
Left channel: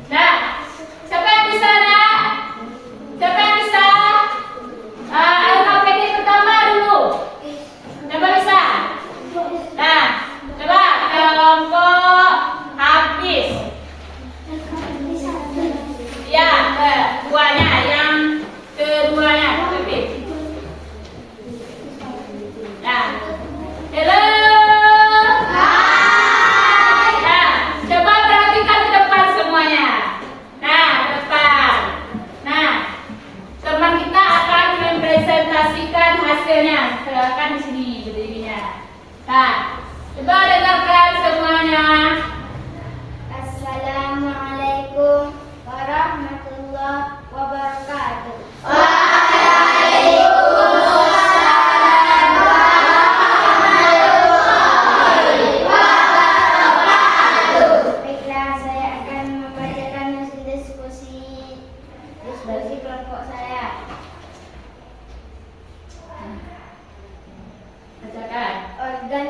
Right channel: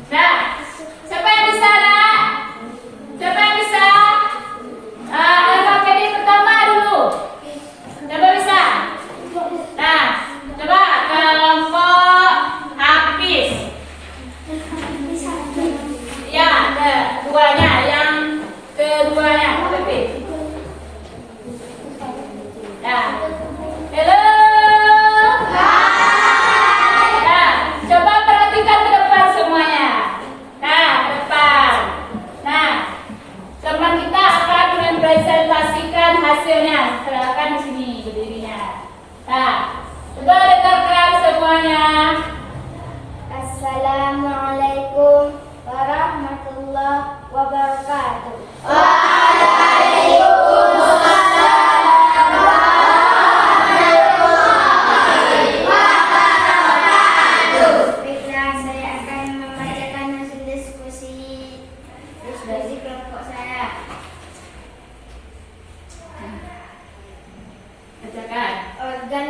Nah, siapa yang bisa, nak? Siapa yang bisa? LKPD pertama dulu. Siapa bisa? Nah, coba kelompok habis. Ya, keduanya, yang keduanya habis. Nah, hello. Nah, coba perhatikan ke depan semuanya. Nah, ke depan. Nah, teman kita akan mempresentasikan hasilnya. Silakan di sini berdirinya. Nah, coba dengarkan semuanya. Assalamualaikum warahmatullahi wabarakatuh. Baiklah, saya akan membacakan hasil diskusi dari kelompok saya. Bacakan. Organ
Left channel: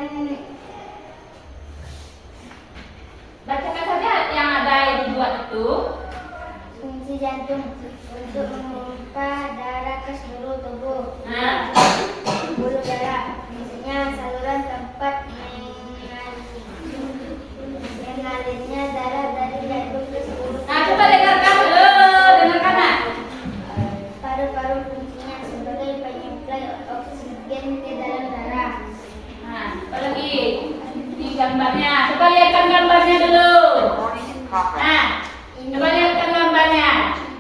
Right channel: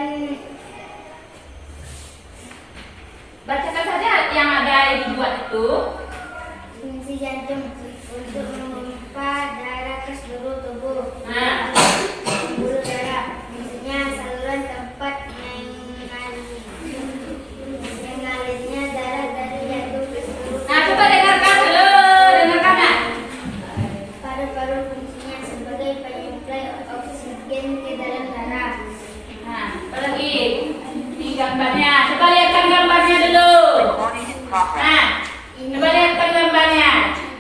Bacakan saja yang ada dibuat itu. fungsi jantung untuk memompa darah ke seluruh tubuh. Nah, Pembuluh darah fungsinya saluran tempat mengalirnya darah dari jantung ke seluruh nah tubuh. coba dengarkan dulu, dengarkan nak. Paru-paru fungsinya sebagai penyuplai oksigen ke dalam darah. Nah, apa lagi di gambarnya? Coba lihatkan gambarnya dulu. Nah, coba lihatkan gambarnya.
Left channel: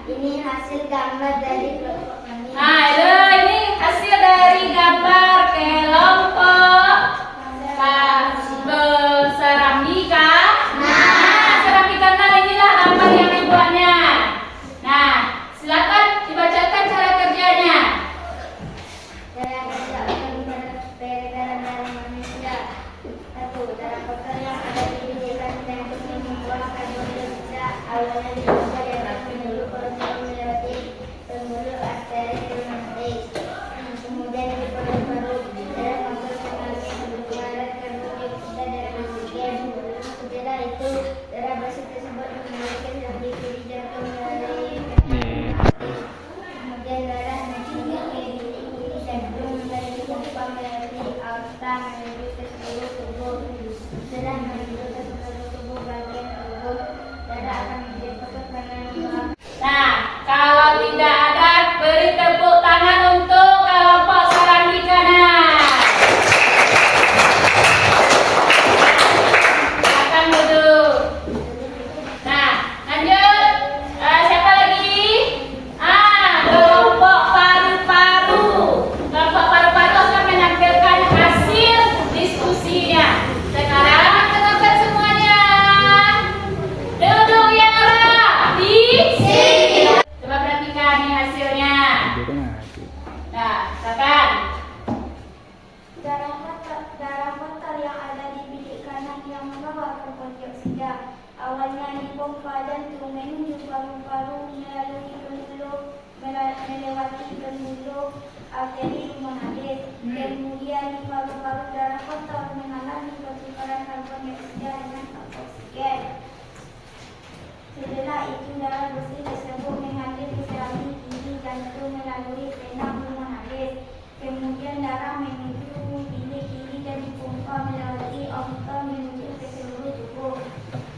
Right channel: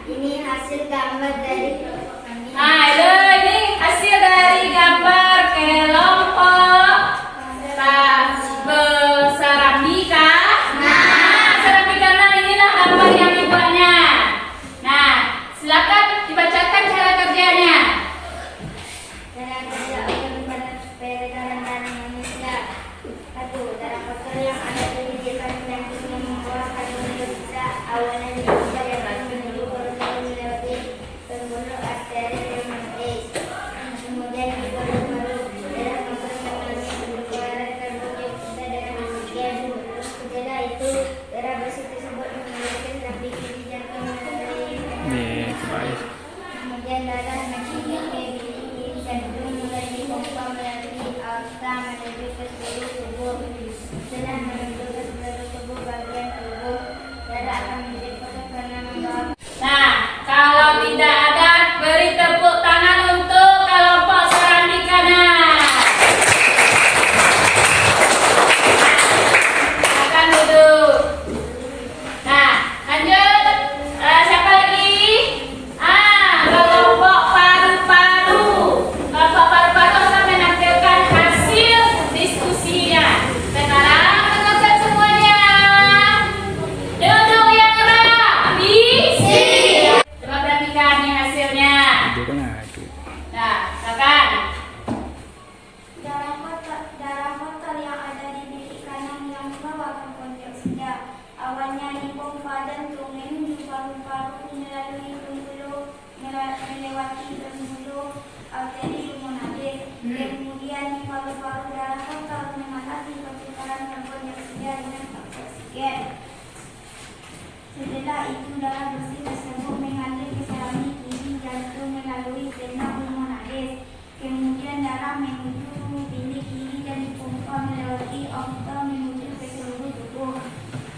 Ini hasil gambar dari kelompok kami. Nah, ini hasil dari gambar kelompok seramika. Nah, seramika, nah inilah gambar yang dibuatnya. Nah, silakan dibacakan cara kerjanya. Saya kerja organ pada peredaran darah manusia. Satu yang dipompa jantung menuju paru-paru melalui pembuluh melewati pembuluh arteri pulmonalis. Kemudian di paru-paru darah kotor mengalami pertukaran karbon dioksida dengan oksigen. Setelah itu darah bersih tersebut mengalir ke saluran kiri jantung melalui vena pulmonalis. Kemudian darah menuju bilik kiri dan dipompa melewati oktal menuju ke seluruh tubuh.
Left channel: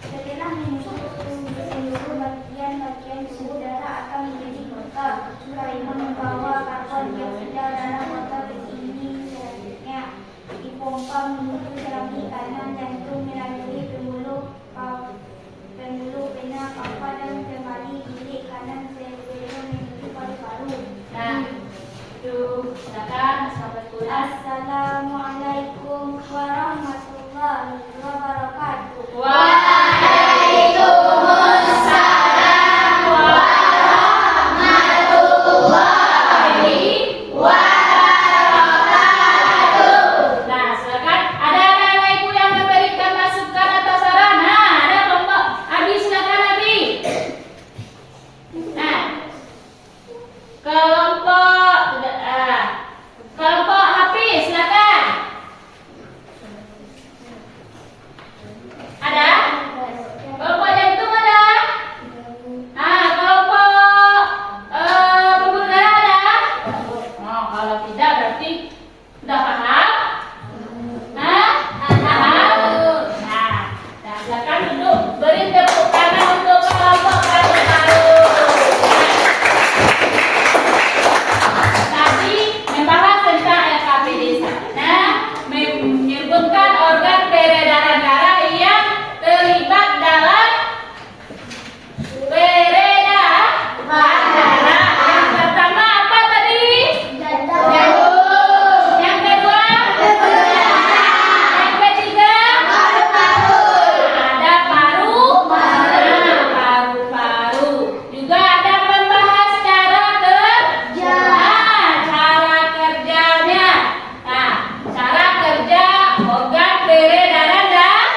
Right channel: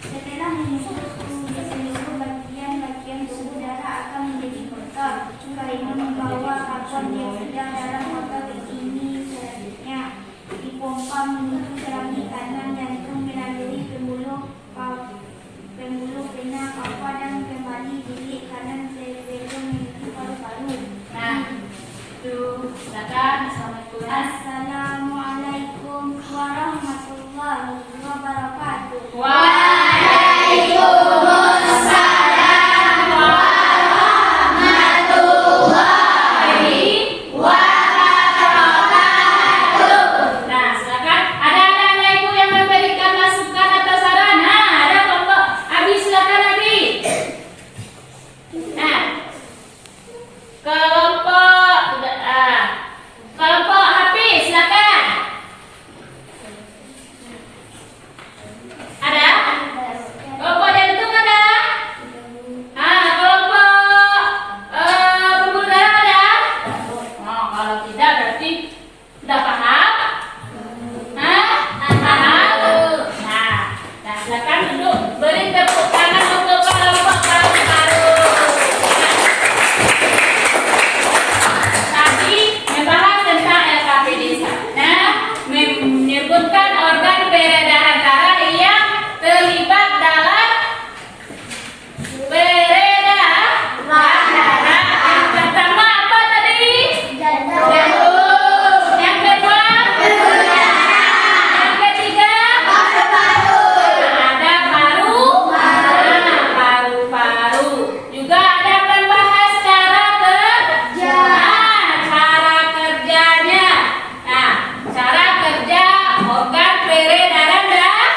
Setelah menyusul ke seluruh bagian-bagian tubuh, darah akan menjadi kotor karena membawa karbon dioksida. Darah kotor ini selanjutnya dipompa menuju saluran kanan jantung melalui pembuluh vena cava dan kembali bilik kanan sebelum menuju paru-paru. Nah, itu silakan. Assalamualaikum warahmatullahi wabarakatuh. Waalaikumsalam warahmatullahi wabarakatuh. Nah, silakan. Ada anak-anak ibu yang memberikan masukan atau saran? Nah, ada kelompok Abi, silakan Abi. Nah, kelompok Hafiz, silakan. Ada? Kelompok jantung ada? Nah, kelompok pembuluh darah ada? Oh, kalau tidak berarti udah paham? Hah? Paham? Nah, silakan duduk. Beri tepuk tangan untuk kelompok paru-paru. Tadi membahas tentang LKPD sana, menyebutkan organ peredaran darah yang terlibat dalam peredaran darah. Yang pertama apa tadi? Jantung. Yang kedua? Yang ketiga? Ada paru-paru. Juga ada membahas cara kerjanya. Nah, cara kerja organ peredaran darah.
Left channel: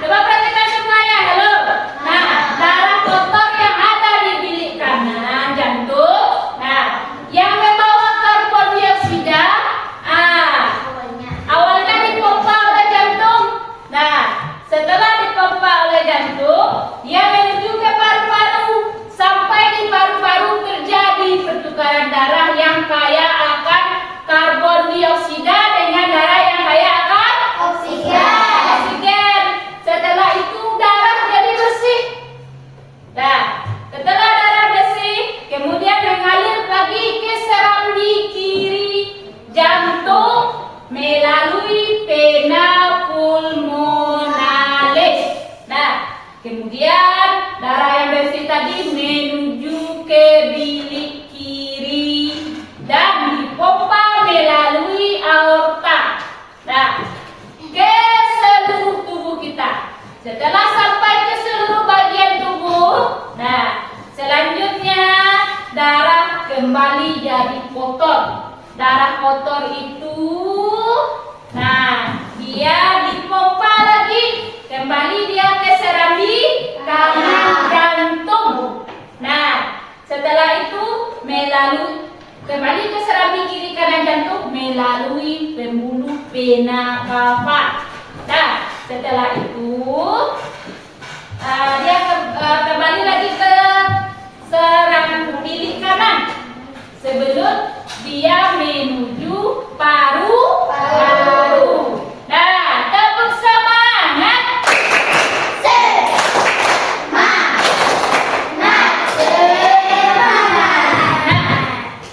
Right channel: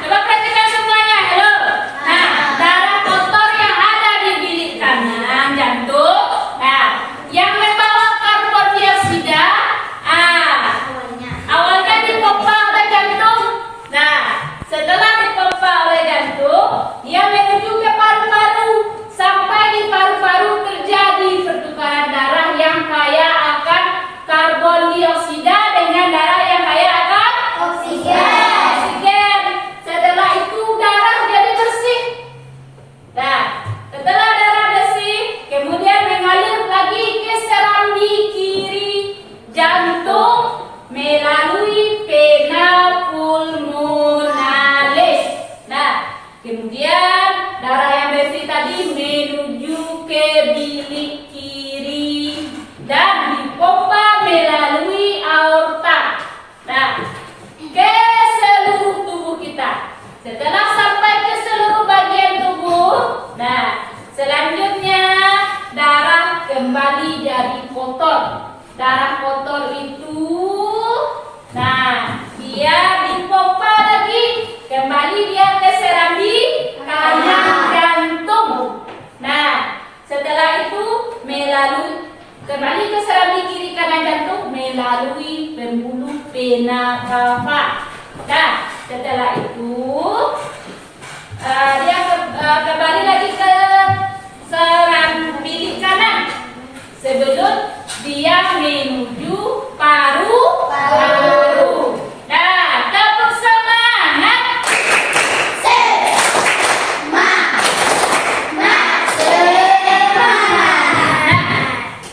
Coba perhatikan semuanya. Halo. Nah, darah kotor yang ada di bilik kanan jantung. Nah, yang membawa karbon dioksida. Awalnya dipompa oleh jantung. Nah, setelah dipompa oleh jantung, dia menuju ke paru-paru. Sampai di paru-paru terjadi pertukaran darah yang kaya akan karbon dioksida dengan darah yang kaya akan oksigen. Setelah itu darah jadi bersih. Nah, setelah darah bersih, kemudian mengalir lagi ke serambi kiri jantung melalui vena pulmonalis. Nah, kemudian darah yang bersih tadi menuju ke bilik kiri dan dipompa melalui aorta. Nah, ke seluruh tubuh kita. Setelah sampai ke seluruh bagian tubuh, nah, selanjutnya darah kembali jadi kotor. Darah kotor itu, nah, dia dipompa lagi. Kembali dia ke serambi kanan jantung. Nah, setelah itu kembali ke serambi kiri kanan jantung melalui pembuluh vena cava. Nah, setelah itu dia kembali lagi ke serambi kanan sebelum dia menuju paru-paru. Nah, tepuk semangat.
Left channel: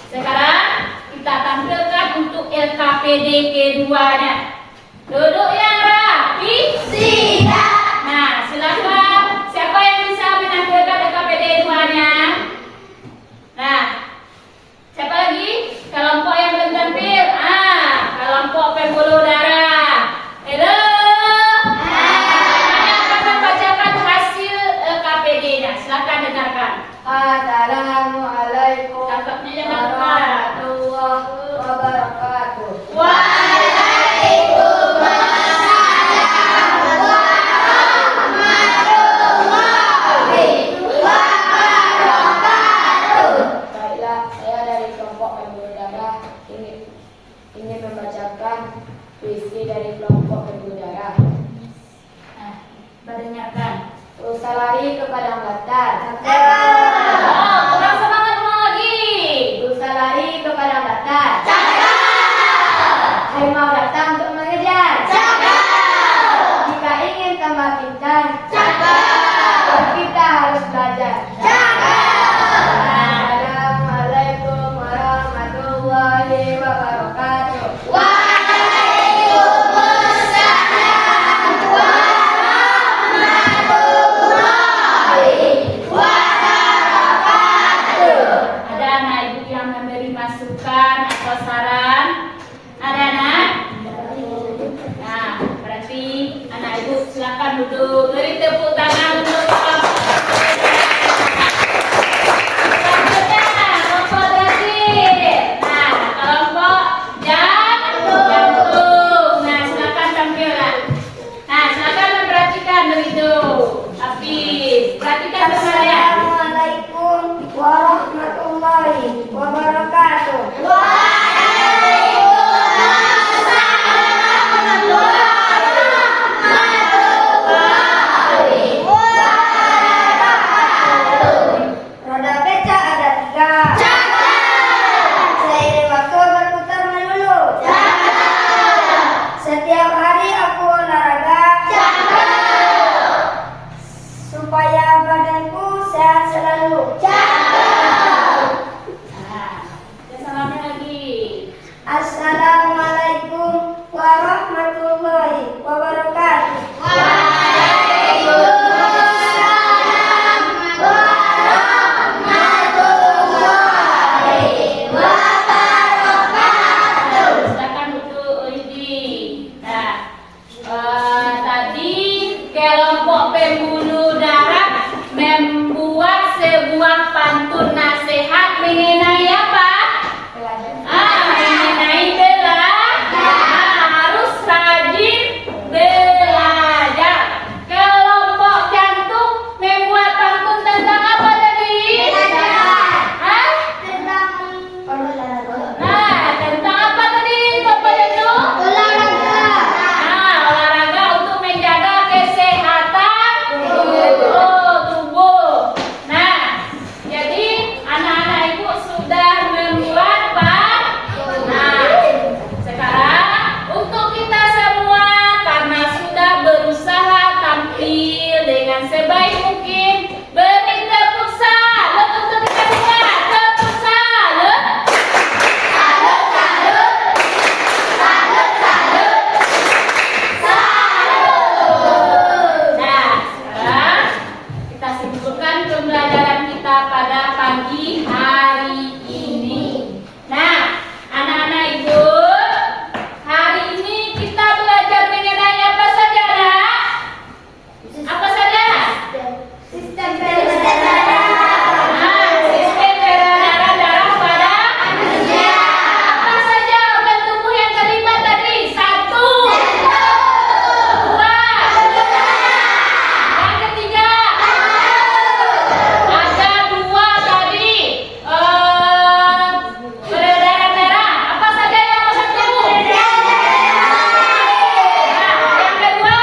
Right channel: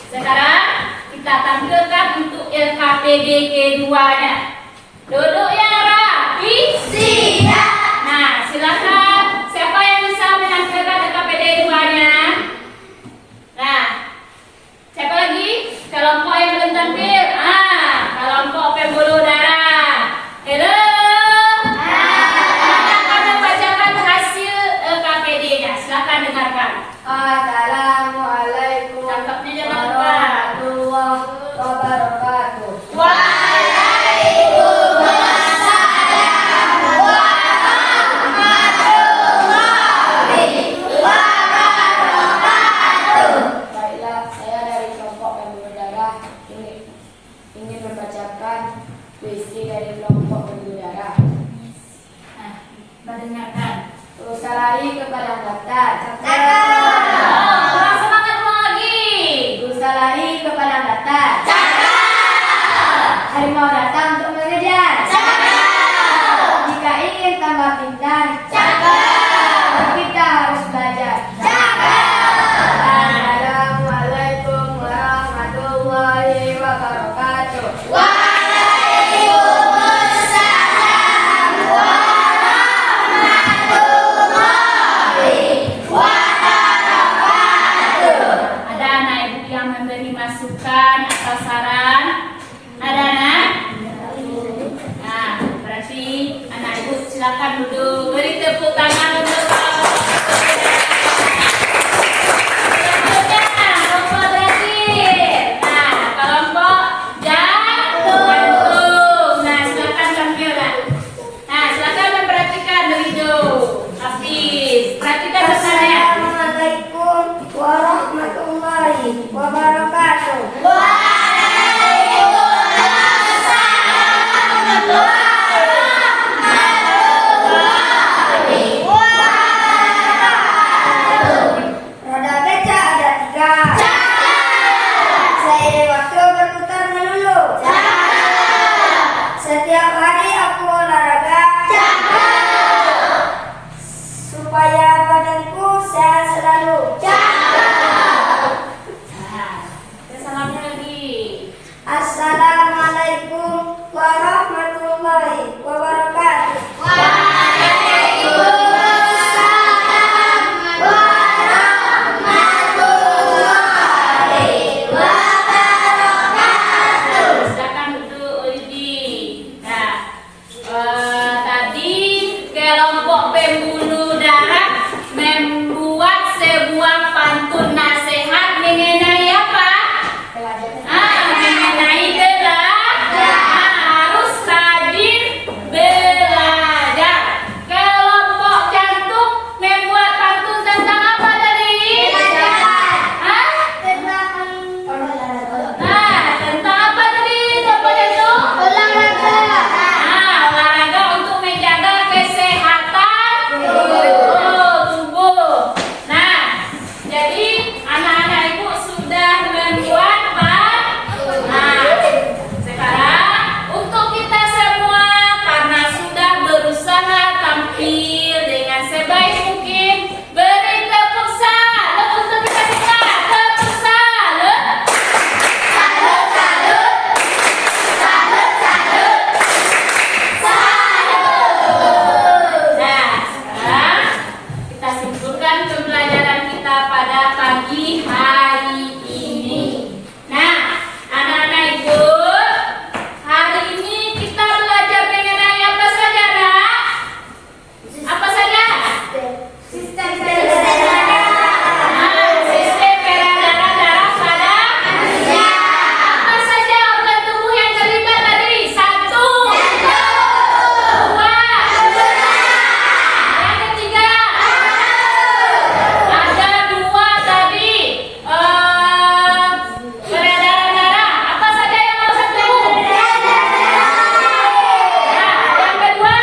Sekarang kita tampilkan untuk LKPD keduanya. Duduk yang rapi. Siap. Nah, silakan. Siapa yang bisa menampilkan LKPD keduanya? Nah, siapa lagi? Kelompok yang belum tampil. Kelompok pembuluh kelompok pembuluh darah. Nah, mendengarkan. Berusaha lari ke padang datar. Oh, kurang semangat lagi. Berusaha lari ke padang datar. Harimau datang untuk mengejar. Jika ingin tambah pintar, kita harus belajar. Assalamualaikum warahmatullahi wabarakatuh. Ada anak ibu yang memberi masukan atau saran? Ada anak? Nah, berarti anak ibu silakan duduk. Beri tepuk tangan untuk kelompok terakhir. Nah, kelompok jantung. Nah, silakan tampilkan. Nah, silakan memperhatikan begitu. Hafiz, perhatikan saya. Assalamualaikum warahmatullahi wabarakatuh. Roda beca ada 3. Seiring waktu berputar melulu. Setiap hari aku olahraga. Supaya badanku sehat selalu. Nah, salamnya lagi. Assalamualaikum warahmatullahi wabarakatuh. Silakan duduk Ulidi. Nah, tadi kelompok pembuluh darah membuat sebuah pantun nasihat mengenai apa? Mengenai belajar. Harus rajin belajar. Kelompok jantung membuat pantun tentang apa tadi? Tentang apa tadi kelompok jantung? Olahraga untuk menjaga kesehatan tubuh. Nah, jadi anak-anak ibu sudah membuat pantun. Nah, sekarang untuk kita semua karena sudah berusaha tampil dengan sebaik mungkin, beri tepuk salut untuk kita semua. Tepuk salut. Nah, sekarang kita simpulkan pembelajaran kita pada pagi hari ini. Nah, anak-anak ibu, hari ini kita belajar mengenai apa saja, Nak? Apa saja? Sistem Sistem peredaran darah pada manusia. Apa saja organ tubuh yang terlibat tadi? 1, 2, yang ketiga. Ada 2 tadi. Peredaran darah. Apa saja yang organ tubuh? Yang kedua.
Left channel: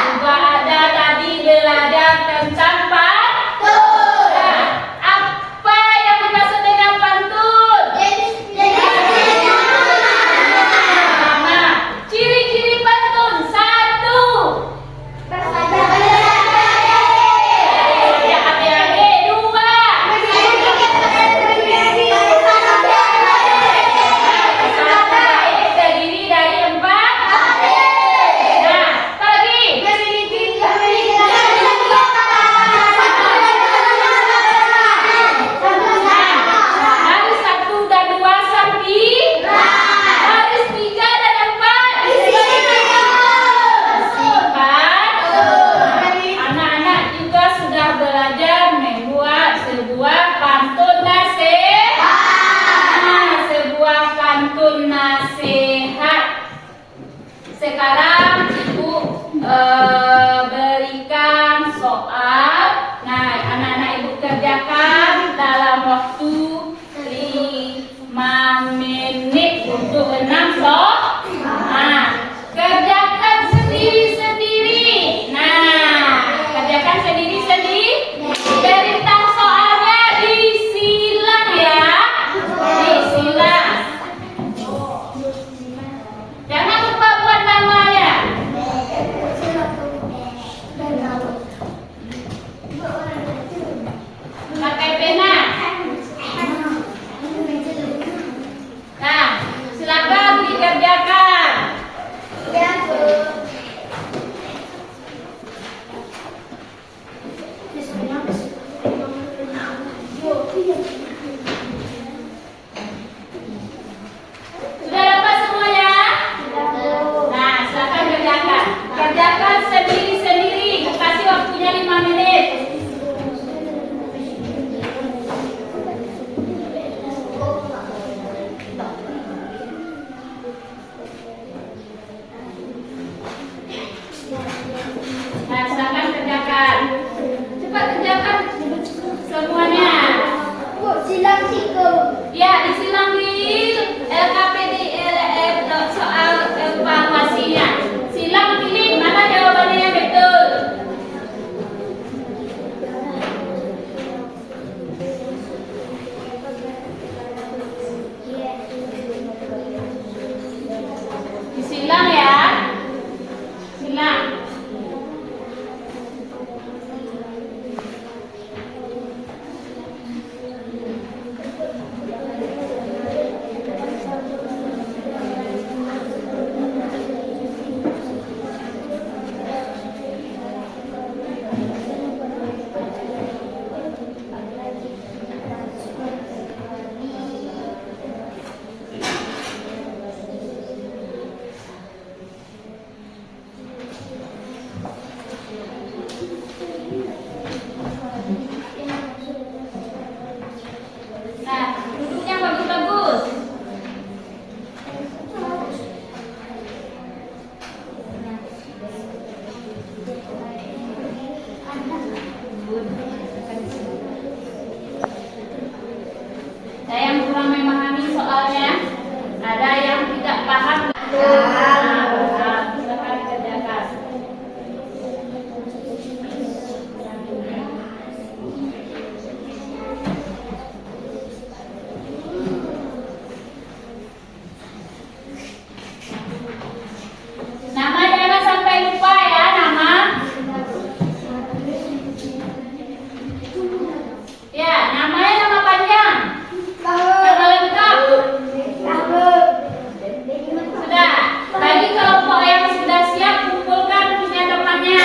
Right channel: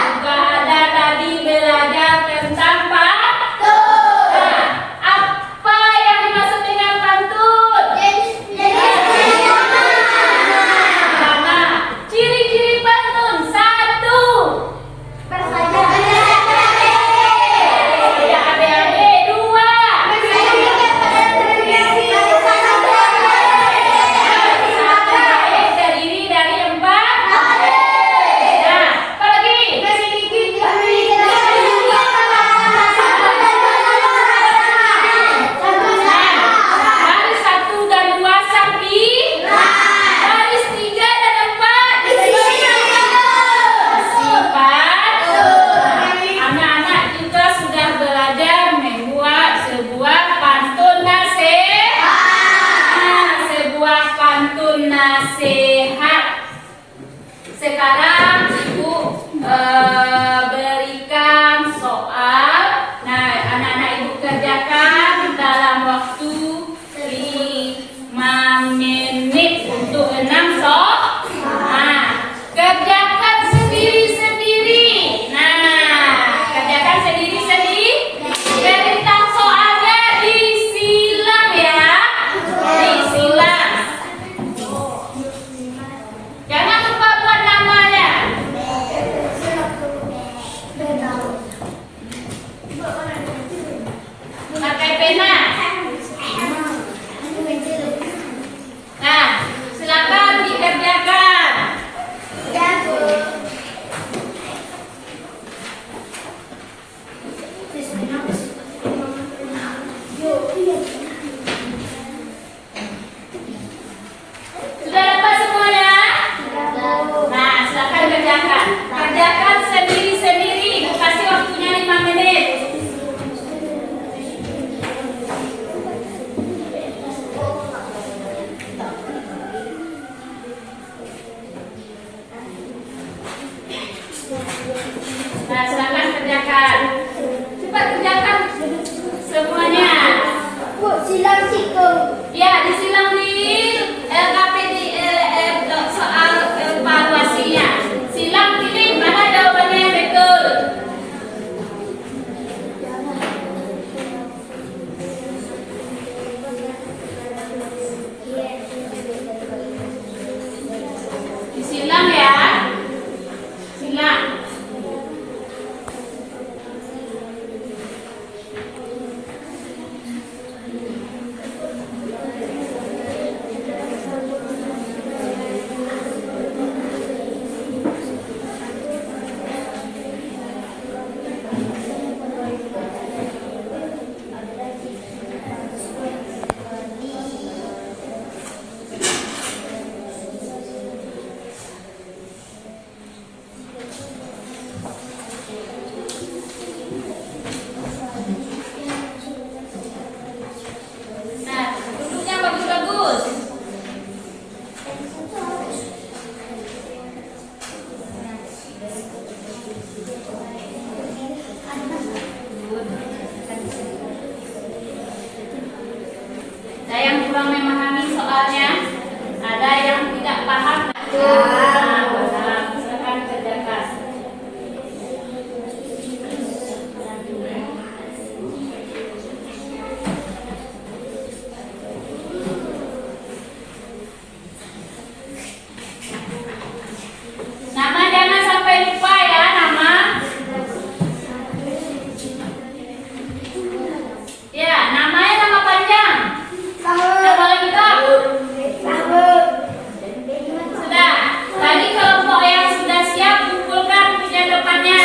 Juga ada tadi belajar tentang pantun. Nah, apa yang dimaksud dengan pantun? Pertama, ciri-ciri pantun. 1. Ya, adik-adik. 2. Satu baik terdiri dari 4. Nah, apa lagi? Baris 1 dan 2 sapi. Baris 3 dan 4 sifat. Anak-anak juga sudah belajar membuat sebuah pantun nasihat. Sebuah pantun nasihat. Sekarang ibu berikan soal. Nah, anak-anak ibu kerjakan dalam waktu 5 menit untuk 6 soal. Nah, silakan kerjakan. Cepat kerjakan semuanya. Bu, silang siku. Ya, disilang di LKPD soal evaluasinya. Silang pilih mana jawabannya yang betul. Disilang ya. Silang. Nah, duduknya bagus-bagus. Ada yang kurang memahami soalnya, ada yang tidak paham. Nah, silakan kerjakan. Nama jangan sampai lupa ya, nama. Ya, namanya nama panjang. Nama lengkap. Sudah. Bagi kelompok yang sudah siap, kumpulkan punya depannya.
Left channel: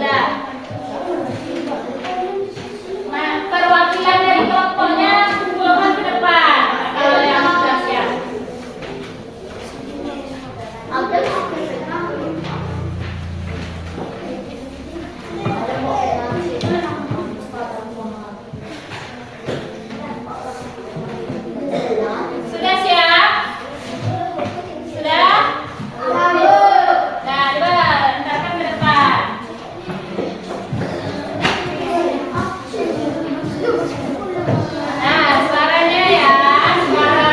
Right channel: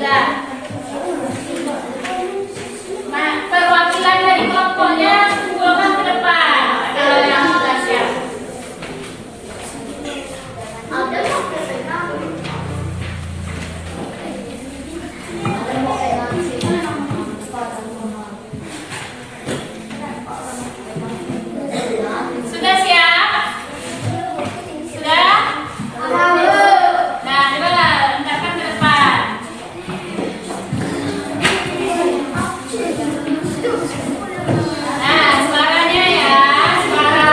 Ya. Nah, perwakilan dari kelompoknya kumpulkan ke depan. Kalau yang sudah siap. Sudah siap? Sudah? Nah, coba hendakkan ke depan. Nah, suaranya ya, suara.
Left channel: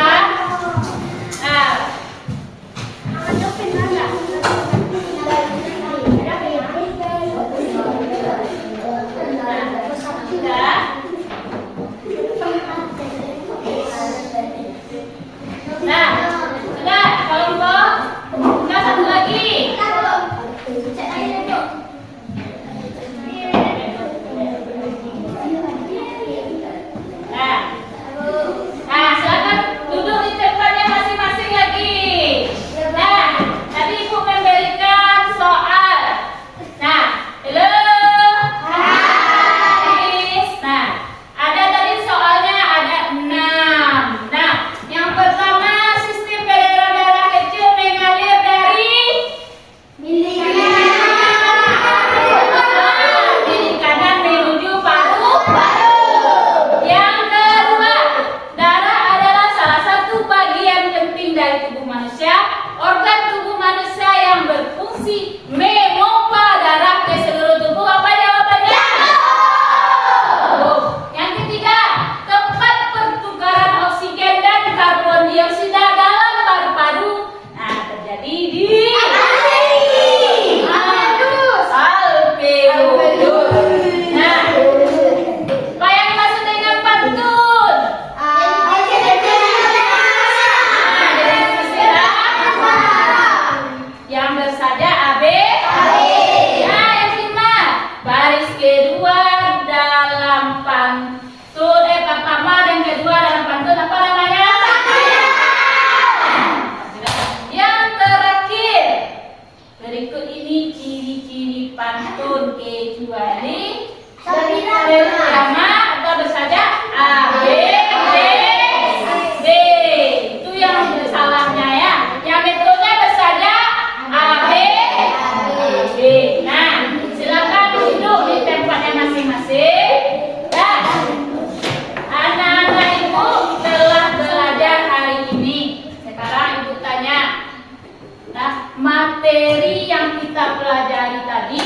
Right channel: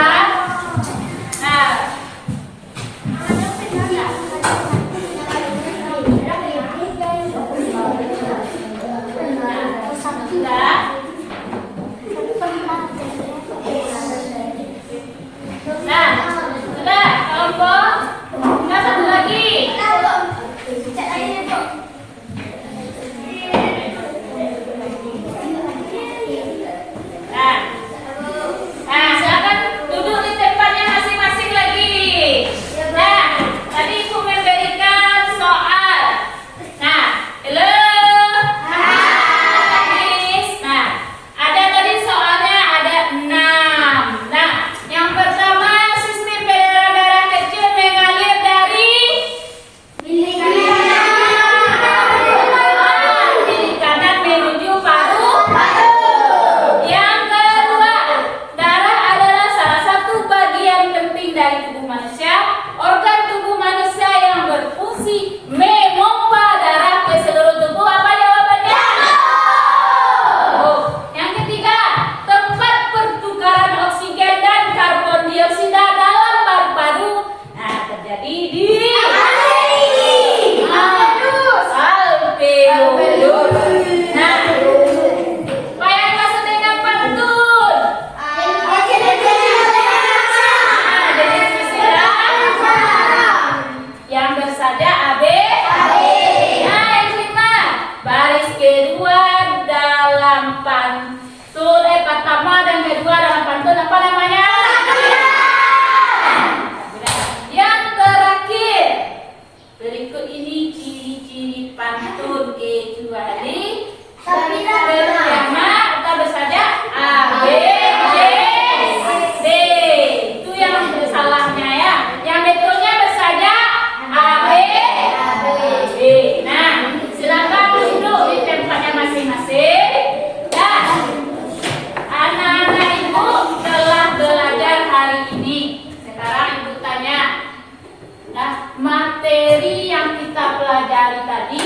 Nah, sudah. Nah, sudah kelompok. Nah, satu lagi. Nah, silakan duduk di tempatnya masing-masing lagi. Nah, tadi Ibu memberikan soal. Nah, halo. Hai. Nah, ada tadi soalnya ada 6. Nah, yang pertama sistem berdarah kecil mengalir dari bilik kanan menuju paru. Yang kedua, darah adalah salah satu bagian penting dari tubuh manusia. Organ tubuh manusia yang berfungsi memompa darah ke seluruh tubuh. Apa jawabannya? Yang ketiga, tempat pertukaran oksigen dan karbon dioksida dalam paru-paru. Nah, terjadi di alveolus. Nah, apa yang dimaksud dengan pantun? Yang bersada AB. Nah, yang kita baris kedua dalam pantun. Pertama dan kedua dalam pantun apa namanya? Yang terakhir, berikut ini ciri-ciri pantun kecuali pelajari tadi,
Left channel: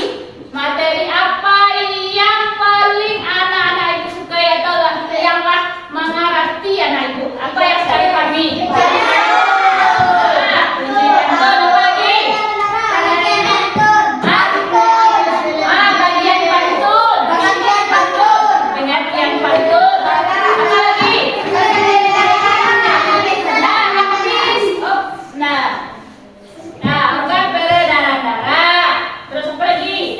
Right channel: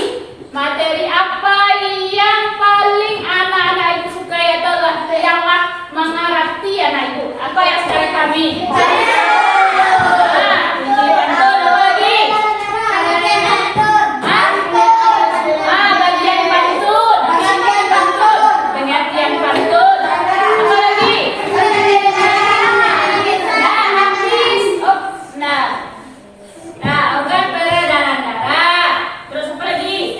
materi apa yang paling anak-anak ibu sukai adalah yang mengerti anak ibu. Apa yang sekali kami? Ini pantun apa lagi? Bagian pantun. Pengertian pantun. Apa lagi? Ungkap peredaran darah. Terus apa lagi?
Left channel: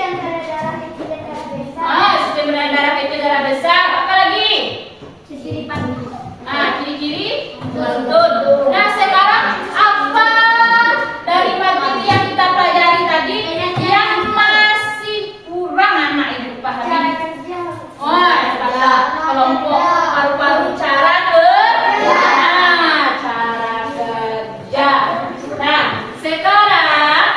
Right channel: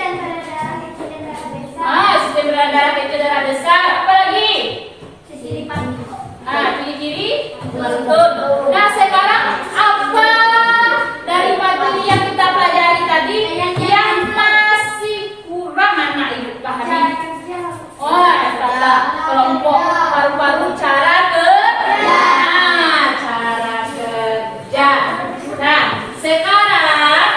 Sistem peredaran darah itu darah besar. Apa lagi? Ciri-ciri pantun. Nah, sekarang apa dari materi yang kita pelajari tadi yang masih kurang anak ibu pahami? Kata kelompok paru-paru cara kerja. Cara kerja. Nah, sekarang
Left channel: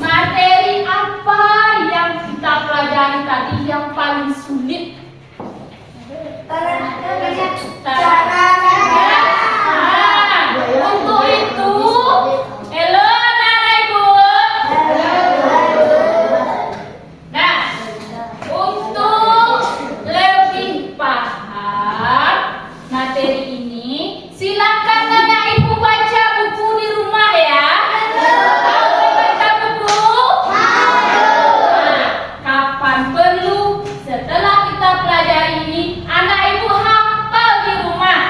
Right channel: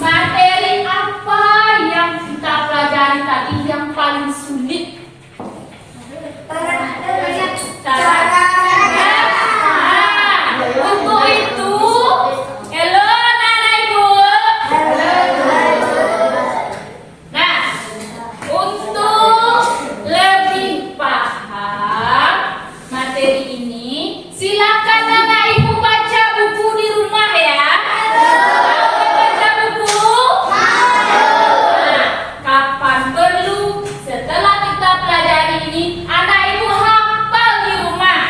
materi apa yang kita pelajari tadi yang paling sulit? Untuk itu, halo anak ibu. Nah, untuk lebih paham materi ini, silakan anak ibu baca buku di rumah ya. Tahu baca buku? Nah, kapan perlu setelah kita pelajari ini, anak ibu hafal di rumah.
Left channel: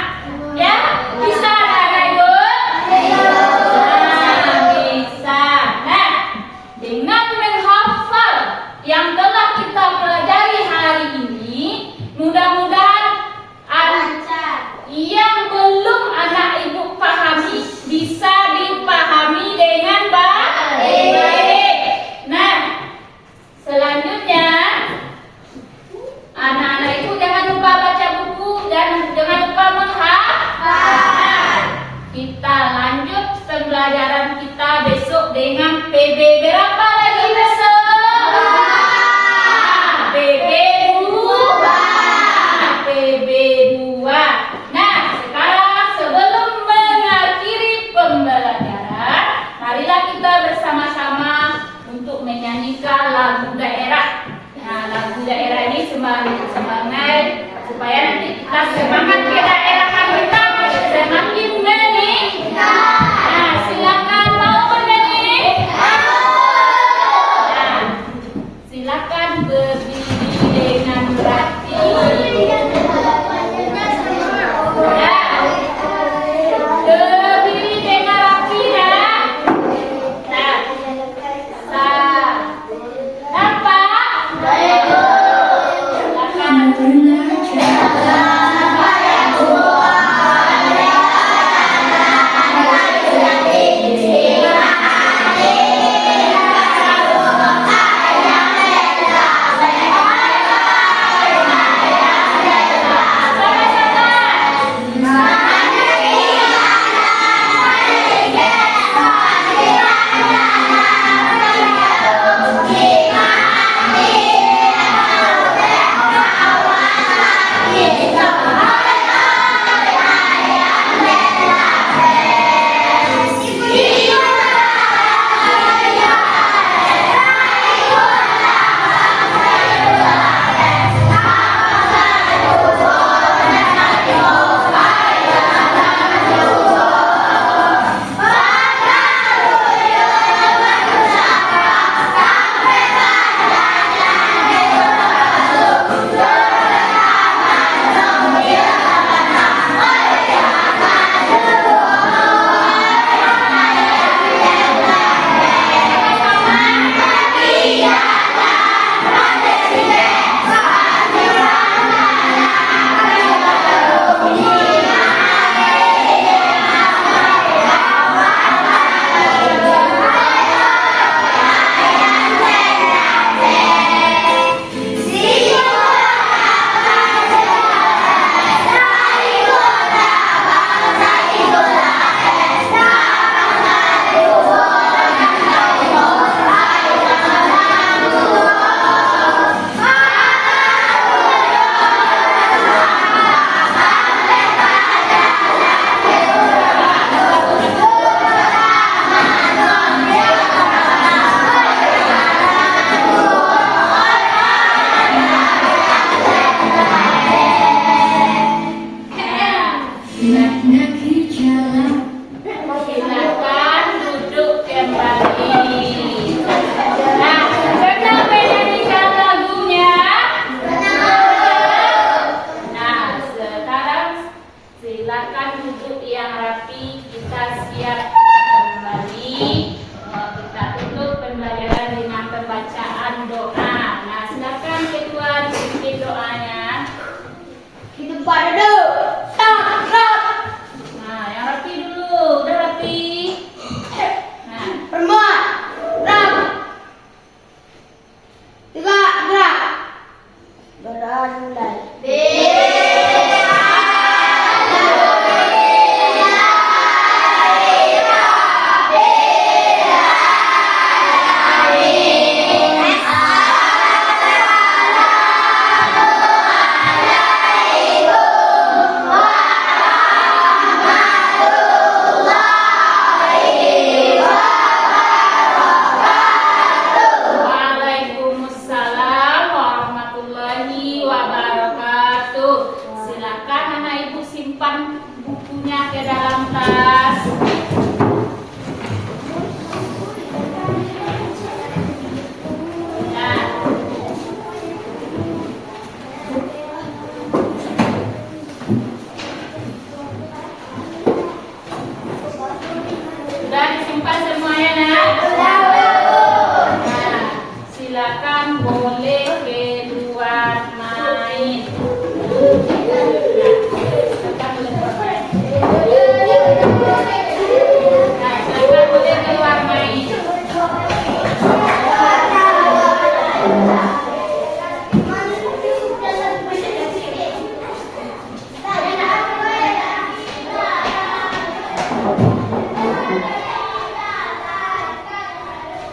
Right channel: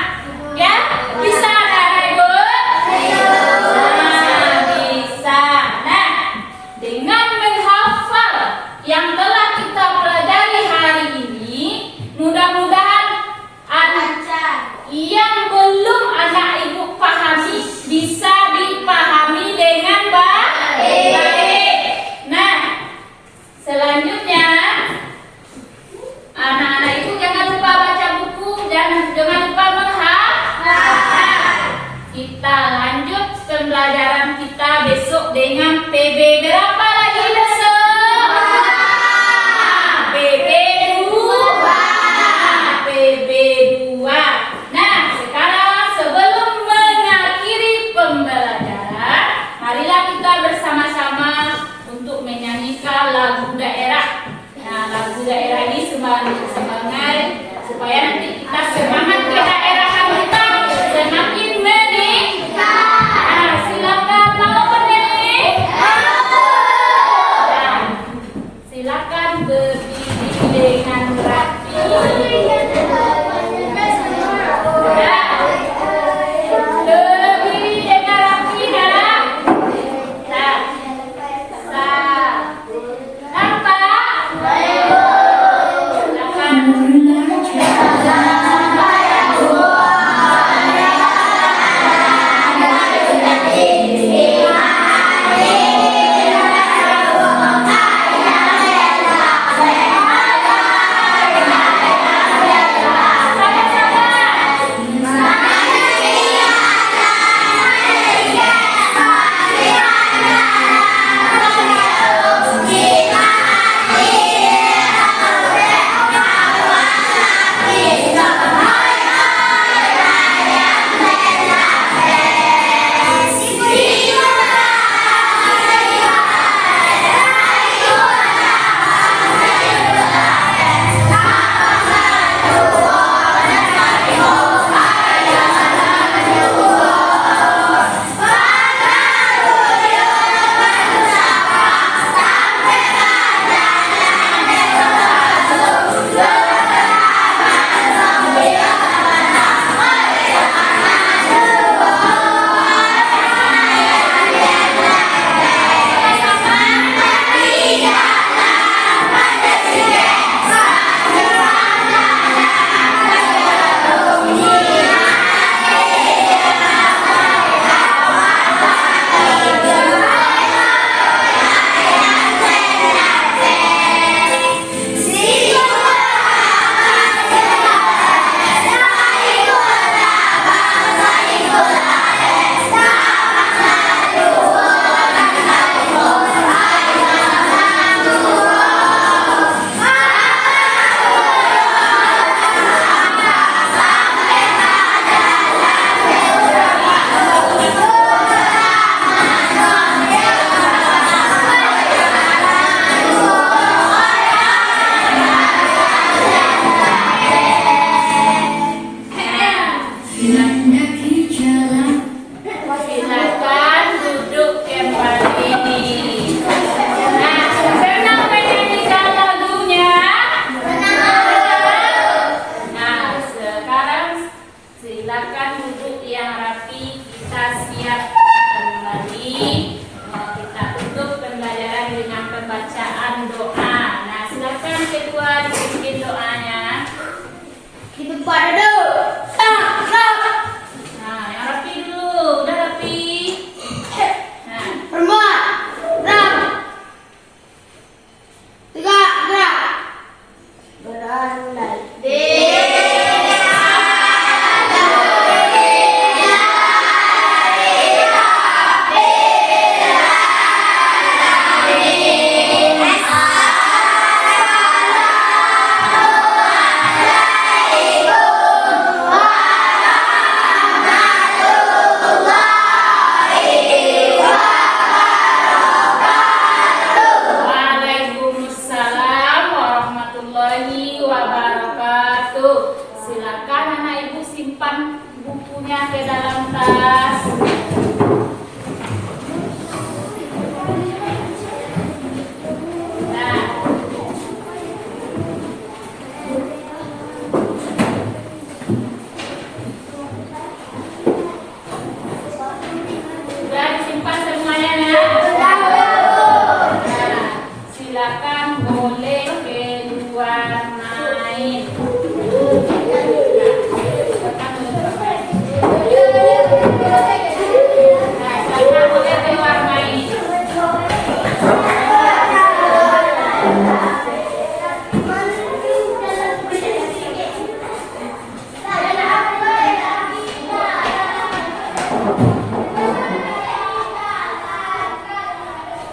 Ya, bisa anak ibu? Bisa. Nah, dengan menghafal yang telah kita pelajari hari ini, mudah-mudahan yang belum anak ibu pahami bisa dipahami dengan baik. Nah, selanjutnya anak-anak ibu jangan lupa baca buku dan jangan lupa menghafal. Kita lanjut pembelajaran kita besok dengan PB berapa lagi besok? PB 2. Nah, sekarang sebelum mengakhiri pembelajaran, marilah kita bersama-sama untuk menyanyikan lagu daerah. Nah, lagu daerah ini semangat supaya nanti kita semangat ke daerah kita semakin meningkat. Nah, silakan mau berdiri. Nah, silakan berdiri dengan rapi. Berdiri dengan rapi ya. Nah, nampak? Silakan.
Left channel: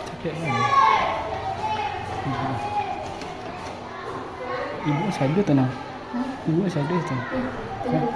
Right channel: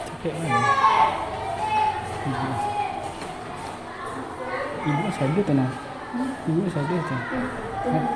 Capek mana? Ibu saya tenang. Ibu saya tenang.